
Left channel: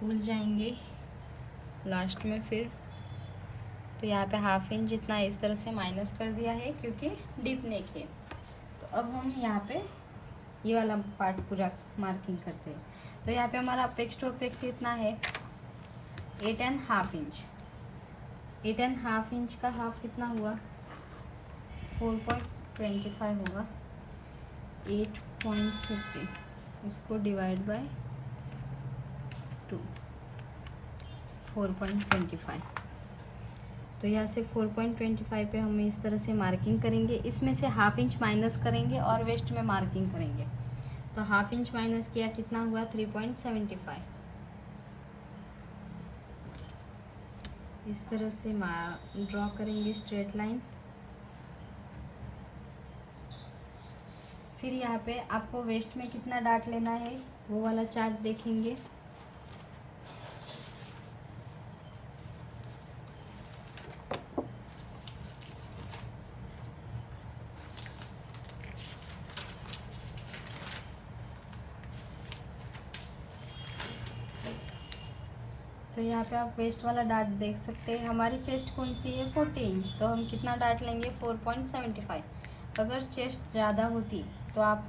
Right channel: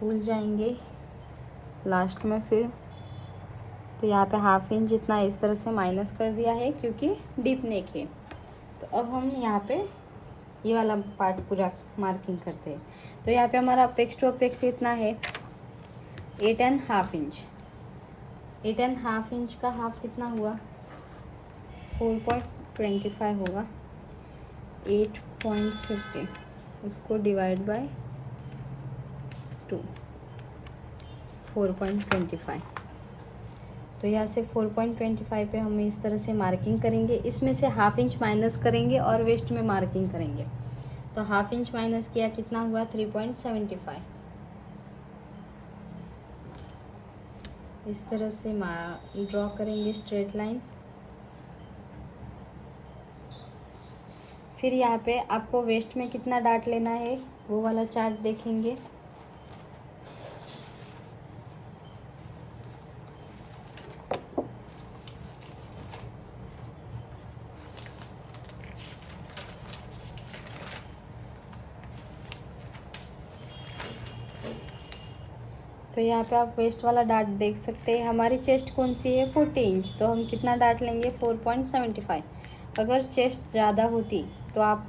भूल जाएंगे लास्ट में फिर। तो यहाँ पे 1/2 इंच जितना इस तरह से माइनस कर दिया है, क्योंकि डीप नेक है। तो अब हम यहाँ पे ये वाला पार्ट पूरा मार्किंग करते हैं। तो यहाँ पे हमारा अपेक्स टू अपेक्स कितना है 8.5 इंच। 8.5 इंच का हाफ कितना हुआ 4.25 होगा। 8.50 उसको डिवाइड बाय 2 4.25। तो यहाँ से 4.25 पे हम इस तरह से मार्किंग करेंगे। इसमें से हाफ इंच माइनस करेंगे और वेस्ट में मार्किंग करेंगे। तो हाफ इंच माइनस किया कितना हुआ 3.75। इस तरह से ड्रॉ करेंगे स्ट्रेट लाइन। फिर यहाँ पे आपको वेस्ट में कितना डाट लेना है वो वाला चार्ट देखेंगे। तो यहाँ पे आप वेस्ट वाला डाट देख सकते हैं। हमारी चेस्ट कौन सी है 40 इंच, तो हम कितना डाट लेंगे 4.75। अगर चेस्ट ज़्यादा होती तो आप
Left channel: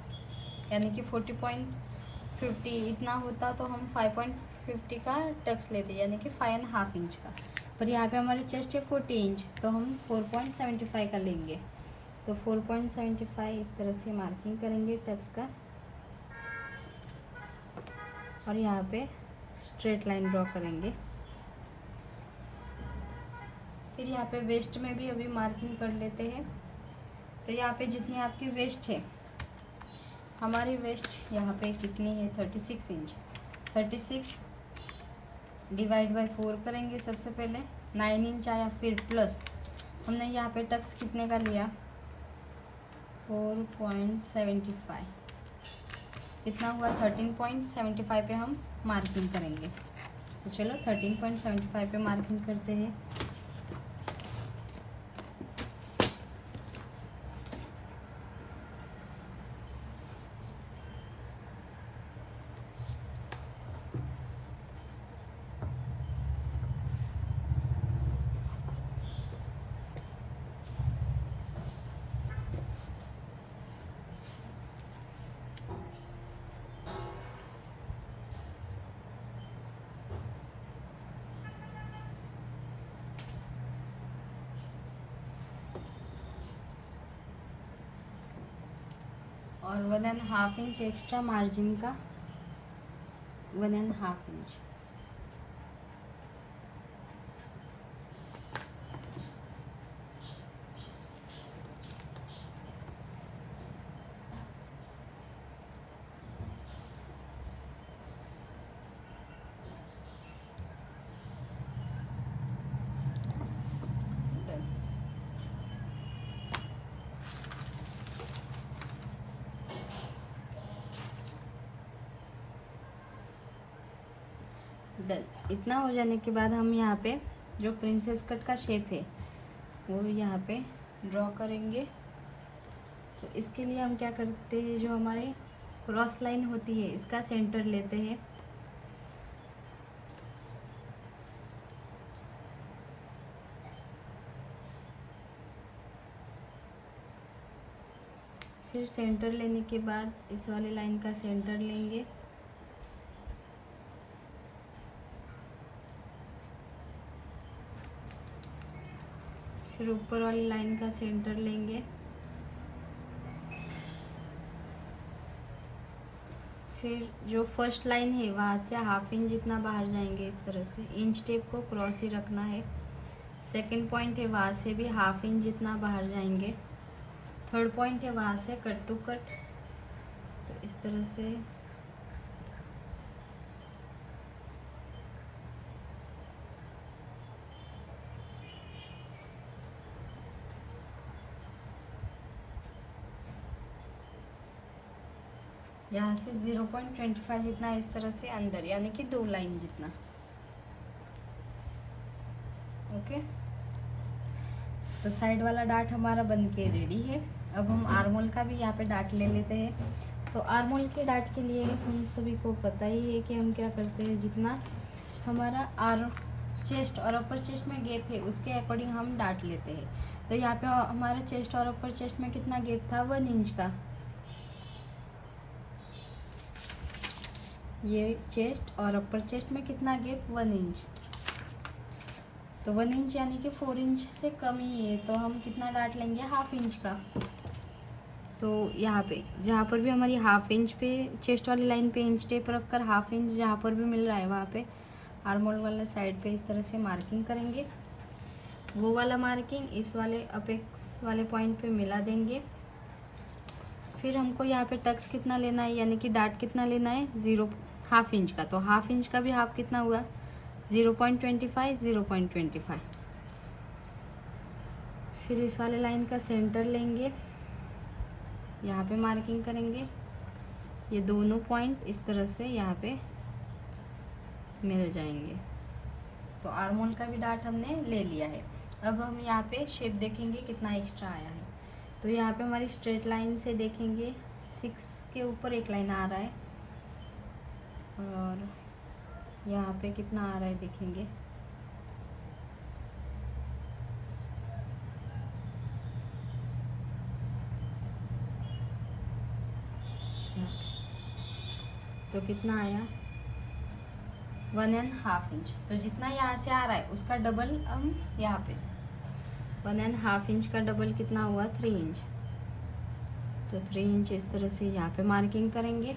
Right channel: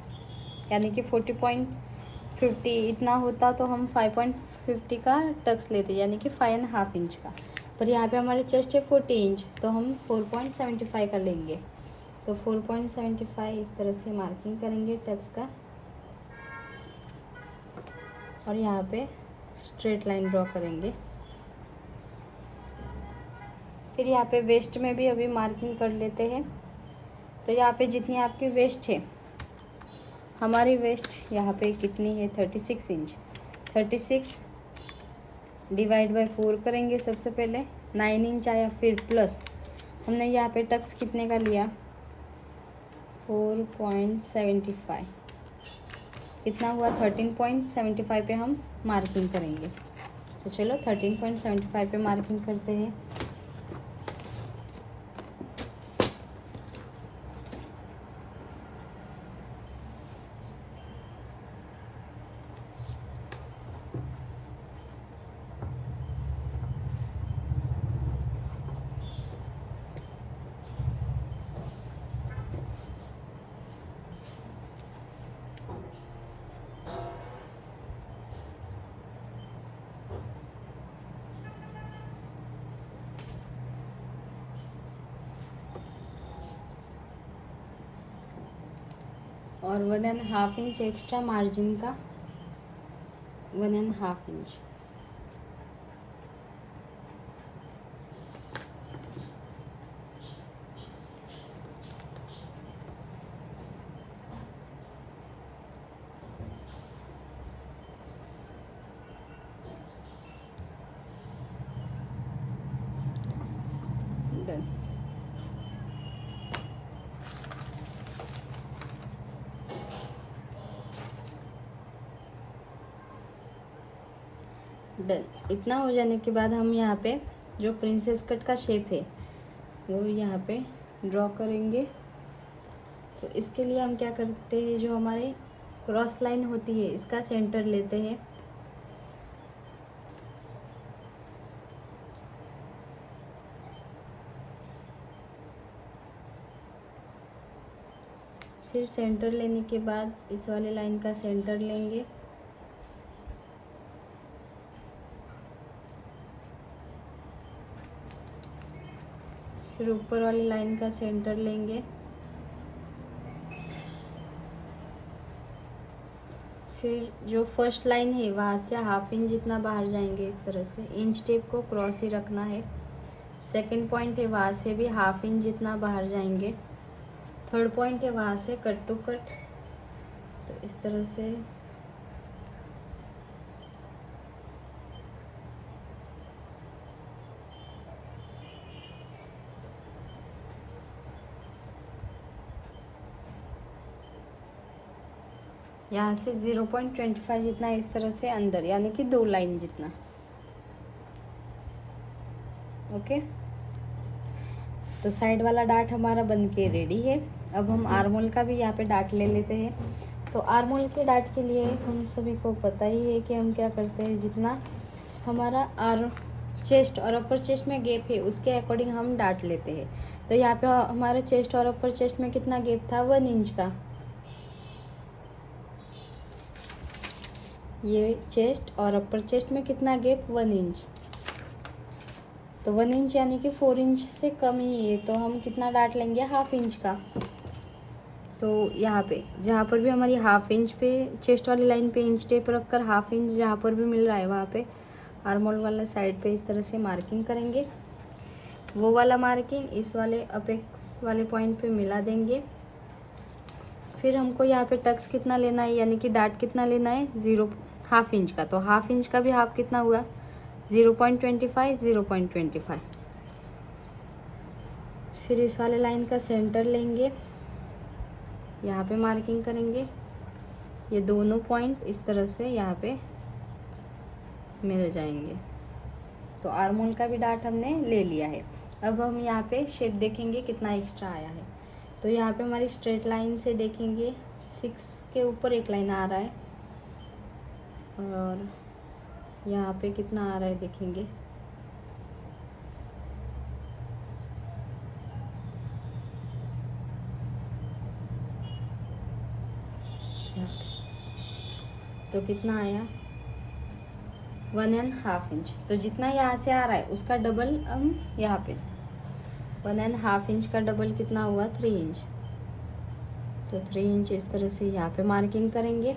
यानी कि 40.50 इतना होता तो हम 5.50 का टक्स लेते यानी कि 5.5 इंच का। पर यहाँ पे हमारी चेस्ट है 40 इंच तो हम 4.75 का लेंगे। तो 4.75 इस तरह से मार्किंग करेंगे टक्स का और यहाँ पे स्ट्रेट लाइन ड्रॉ करेंगे। फिर यहाँ पे वेस्ट में भी अभी मार्किंग कर लेते हैं। तो यहाँ पे जितनी आपकी वेस्ट है, हमारी वेस्ट यहाँ पे कितनी है 36 इंच। 36 डिवाइड बाय 4 करेंगे सबसे पहले। 9 इंच आया। फिर प्लस हमने यहाँ पे टक्स कितने का लिया 4.75 कितना हुआ 13.75 पे हम मार्किंग करेंगे। तो चलो 13.75 पे मार्किंग करते हैं। और 1.5 इंच एक्स्ट्रा मार्जिन का 1.5 इंच। डन। इतना हो जाने के बाद हम यहाँ पे जो प्रिंसेस कट का शेप है वो यहाँ पे ड्रॉ करेंगे। तो इसके लिए हम क्या करते हैं, जो हमारे क्रॉस लाइन होती है इसका सेंटर लेते हैं। फिर सेंटर लेने के बाद इस वाले लाइन का सेंटर लेंगे। फिर ऊपर वाली लाइन का सेंटर लेंगे। फिर जो फर्स्ट लाइन है वहाँ से हाफ इंच जितना बाहर जाएंगे। इस तरह से इंच टेप को क्रॉस ही रखना है। सेकंड पॉइंट है वहाँ से भी हाफ इंच जितना बाहर जाएंगे। थर्ड पॉइंट है वहाँ से कट टू कट। तो इस तरह से यहाँ से 0.25 जितना इस तरह से अंदर यानी कि 2 लाइन जितना। ओके, तो साइड वाला डार्ट हमारा बन के रेडी है। अब हम आर्मोल का भी यहाँ पे डार्ट ले लेते हैं। तो आर्मोल के डार्ट के लिए हम सभी को पता ही है कि हम क्या करते हैं, जितना हमारा चेस्ट और अपर चेस्ट में गैप है उसके अकॉर्डिंग हम डार्ट लेते हैं। तो यहाँ पे हमारे चेस्ट और अपर चेस्ट में कितना गैप था 1 इंच का। ये चेस्ट और अपर चेस्ट में कितना गैप, 1 इंच। तो 1 इंच यानी कि 4 इंच से कम ही है, तो हम कितना डाट लेंगे, हाफ इंच का। तो यहाँ पे जहाँ पर भी हमारी हाफ इंच पे चेस्ट वाली लाइन पे इंच टेप रख कर हाफ इंच जहाँ पर भी मिल रहा है वहाँ पे आर्म होल वाला साइड पे इस तरह से मार्किंग करेंगे। वो वाला मार्किंग इस वाले अपेक्स वाले पॉइंट पे मिला देंगे। फिर हमको यहाँ पे टक्स कितना लेना है, यानी कि डाट कितना लेना है, हाफ इंच का। तो हाफ इंच का भी हाफ कितना हुआ, 0.25, 0.25। फिर इस वाले लाइन का सेंटर लेंगे, यहाँ पे मार्किंग करेंगे। ये दोनों पॉइंट इस तरह से यहाँ पे मिल जाएंगे। तो आर्म होल का भी डाट हमने ले लिया है। अब हम यहाँ पे शेप देखेंगे कितना एक्स्ट्रा आया है। तो यहाँ पे हमारी स्ट्रेट लाइन से देखेंगे 6 के ऊपर एक लाइन आ रहा है, और यहाँ पे कितना आ रहा है देखेंगे, तो कितना आया, 1.5 इंच। तो जितना यहाँ से आ रहा है उसका डबल हम यहाँ पे 1.5 इंच का डबल कितना हुआ, 3 इंच। तो 3 इंच इस तरह से यहाँ पे मार्किंग करेंगे।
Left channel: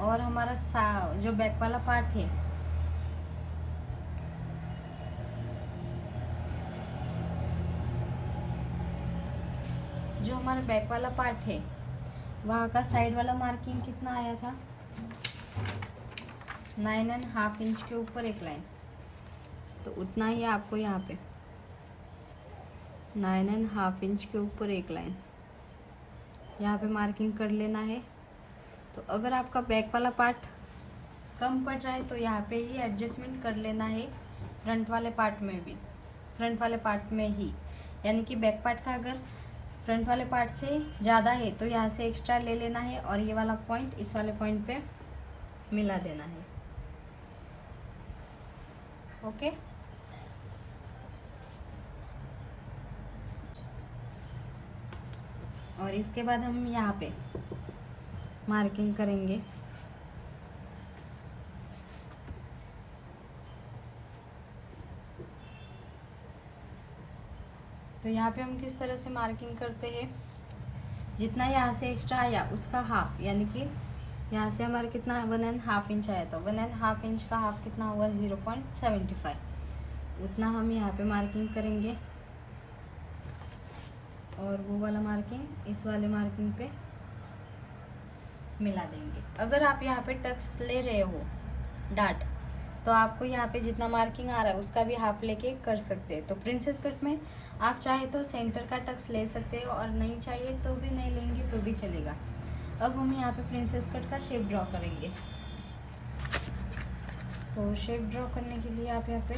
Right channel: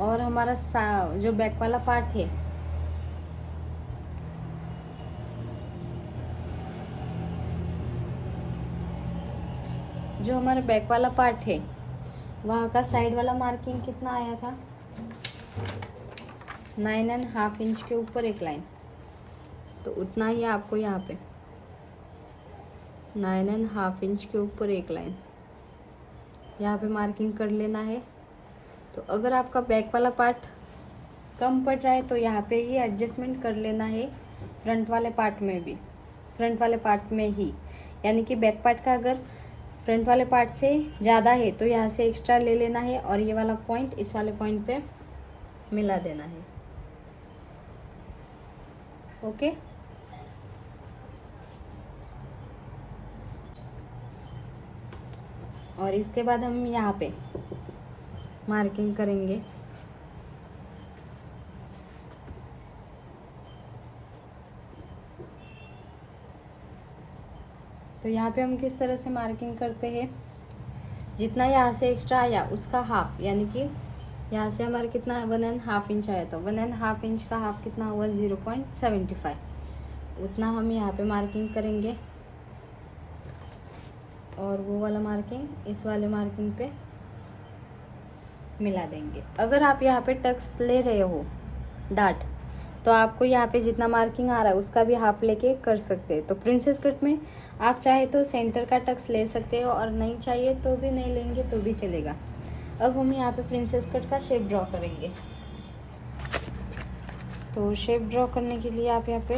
और हमारा जो बैक वाला पार्ट है, जो हमारा बैक वाला पार्ट है वहाँ का साइड वाला मार्किंग कितना आया था, 9.5 इंच के ऊपर एक लाइन। तो उतना ही आपको यहाँ पे 9.5 इंच के ऊपर एक लाइन यहाँ पे मार्किंग कर लेना है। तो अगर आपका बैक वाला पार्ट कम पड़ रहा है तो यहाँ पे ही एडजस्टमेंट कर लेना है, फ्रंट वाले पार्ट में भी, फ्रंट वाले पार्ट में ही। यानी कि बैक पार्ट का अगर फ्रंट वाले पार्ट से ज़्यादा है तो यहाँ से एक्स्ट्रा ले लेना है और ये वाला पॉइंट इस वाले पॉइंट पे मिला देना है। ओके। और इसके बाद हम यहाँ पे मार्किंग करेंगे। तो यहाँ पे हम किस तरह से मार्किंग करते हैं, जितना यहाँ से एक्स्ट्रा आया उसका हाफ, यानी कि यहाँ से हमारे कितना 1.5 इंच आया, तो 1.5 इंच का हाफ कितना हुआ, 0.75। उतना हम यहाँ पे मार्किंग करेंगे और वो वाला मार्किंग इस वाले मार्किंग पे मिला देंगे। अगर आप यहाँ पे टक्स ले रहे हो डाट, तो आपको यहाँ पे जितना मार्किंग आ रहा है उसका भी हाफ लेके कर सकते हैं। तो प्रिंसेस कट में आप चाहे तो सेंटर का टक्स ले सकते हो और नहीं चाहिए तो भी नहीं लेंगे तो भी चलेगा। अब हम यहाँ पे प्रिंसेस कट का शेप ड्रॉ करेंगे। तो शेप ड्रॉ करने के लिए आप यहाँ पे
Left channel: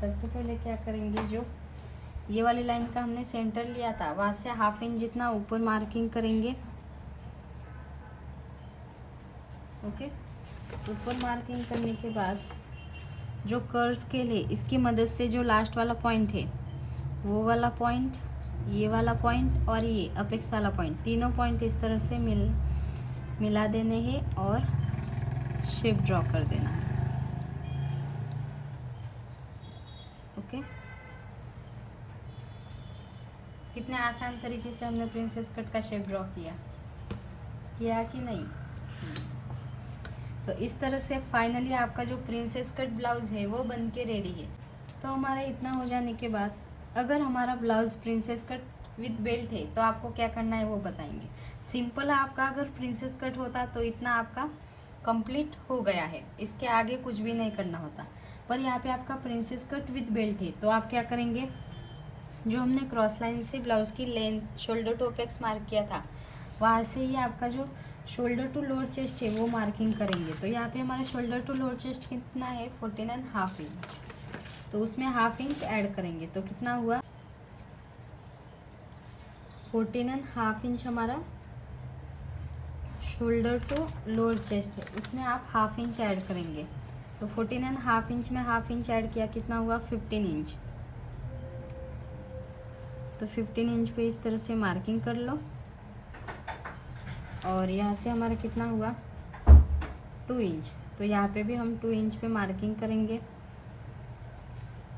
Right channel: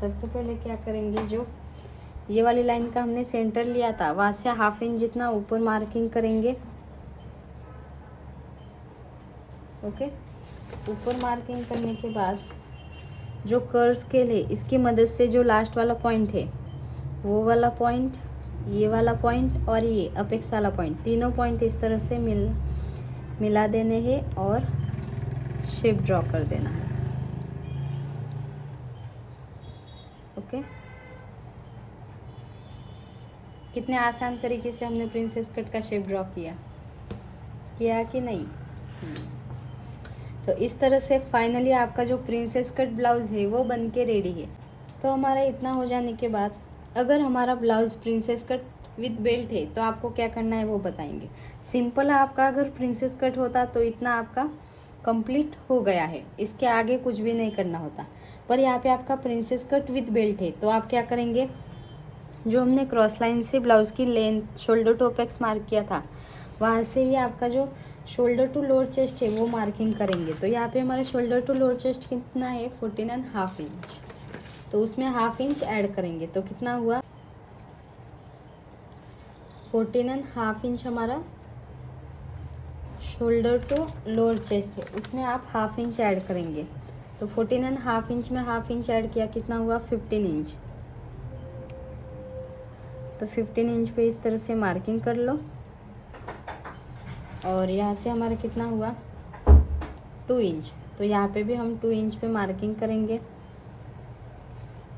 सबसे पहले क्या करेंगे, जो ये वाली लाइन का हमने सेंटर लिया था वहाँ से हाफ इंच जितना ऊपर मार्किंग करेंगे। ओके। ऊपर मार्किंग करने के बाद जो कर्व स्केल है इसकी मदद से जो लास्ट वाला पॉइंट है वो वाला पॉइंट, ये वाला पॉइंट और ये अपेक्स वाला पॉइंट, तीनों पॉइंट इस तरह से मिला देने हैं और शेप ड्रॉ कर देना है। ओके। कितने आसान तरीके से हमने प्रिंसेस कट का शेप ड्रॉ किया कि नहीं। तो इस तरह से फाइनली आपका जो प्रिंसेस कट ब्लाउज़ है वो बन के रेडी है। तो हमारा इतना हो जाने के बाद अगर हमारा blouse princess cut with belt है तो आपको क्या करना है वो बताएंगे। सिंपल आपका अगर प्रिंसेस कट होता तो इतना आपका कंप्लीट हो गया है, इसके आगे कुछ भी नहीं करना होता। पर यहाँ पे आपका प्रिंसेस कट विद बेल्ट है तो आप क्या करेंगे, जो हमने क्रॉस लाइन से ब्लाउज़ की length shoulder to apex mark किया था वहाँ से ही आपका जो शोल्डर टू लोअर चेस्ट है वो मार्किंग करेंगे। तो यहाँ पे हमारा शोल्डर टू लोअर चेस्ट कितना है, 14.5 इंच। तो उसमें हाफ इंच ऐड करेंगे तो कितना हुआ, 14.5 इंच हमारा शोल्डर टू लोअर चेस्ट है, उसमें आप हाफ इंच ऐड करेंगे। तो 14.5 इंच में हाफ इंच ऐड किया कितना हुआ, 15 इंच। तो 15 इंच पे इस तरह से मार्किंग कर लो। और यहाँ से हमारा कितना हुआ 2 इंच। तो यहाँ पे भी हम 2 इंच पे मार्किंग करेंगे,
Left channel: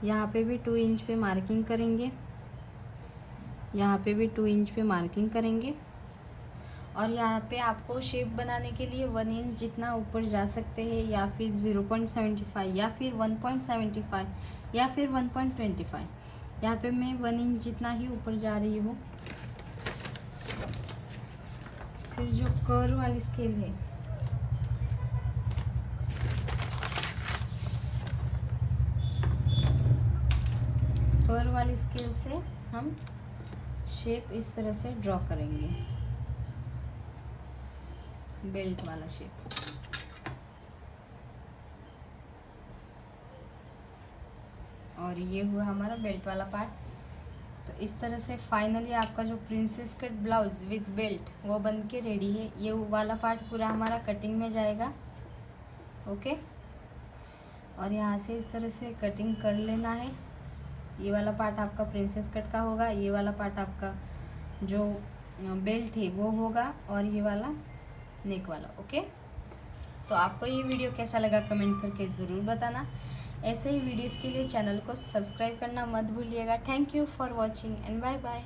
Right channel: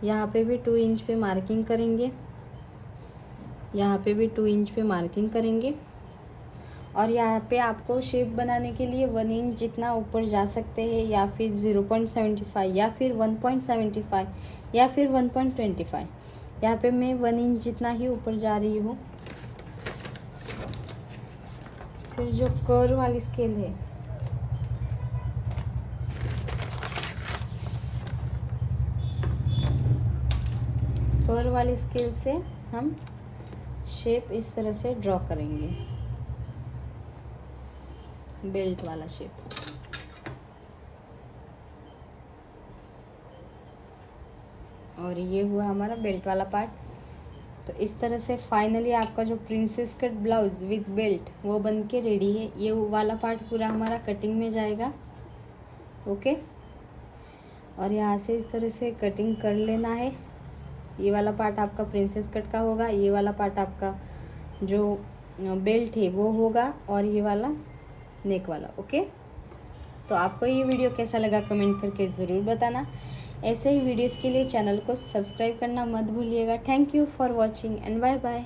यहाँ पे भी 2 इंच पे मार्किंग करेंगे, यहाँ पे भी 2 इंच पे मार्किंग करेंगे। और यहाँ पे आपको शेप बनाने के लिए 1 इंच जितना ऊपर जा सकते हैं, या फिर 0.75 या फिर 1.75 या फिर 1.25। यहाँ पे मैं 1 इंच जितना ही ऊपर जा रही हूँ। फिर जो कर्व वाली स्केल है, कर्व वाली स्केल से हम शेप इस तरह से ड्रॉ करेंगे, बेल्ट वाला शेप। और ये हुआ हमारा बेल्ट वाला पार्ट। तो इस तरह से फाइनली आपका जो princess cut blouse with belt वो बन के रेडी है। ये वाला पार्ट पूरा हमारा कटिंग में जाएगा, ओके। और यहाँ से इस तरह से कटिंग कर लेना है। ये वाला पार्ट आपका प्रिंसेस कट का होगा, ये वाला पार्ट आपका जो बेल्ट है वो होगा, और ये वाला नेक वाला, ओके। तो आपको ये वीडियो कैसा लगा कमेंट करके ज़रूर बताना। ऐसे ही वीडियोस के लिए चैनल को सब्सक्राइब करना मत भूलिएगा। Thank you for watching and bye bye.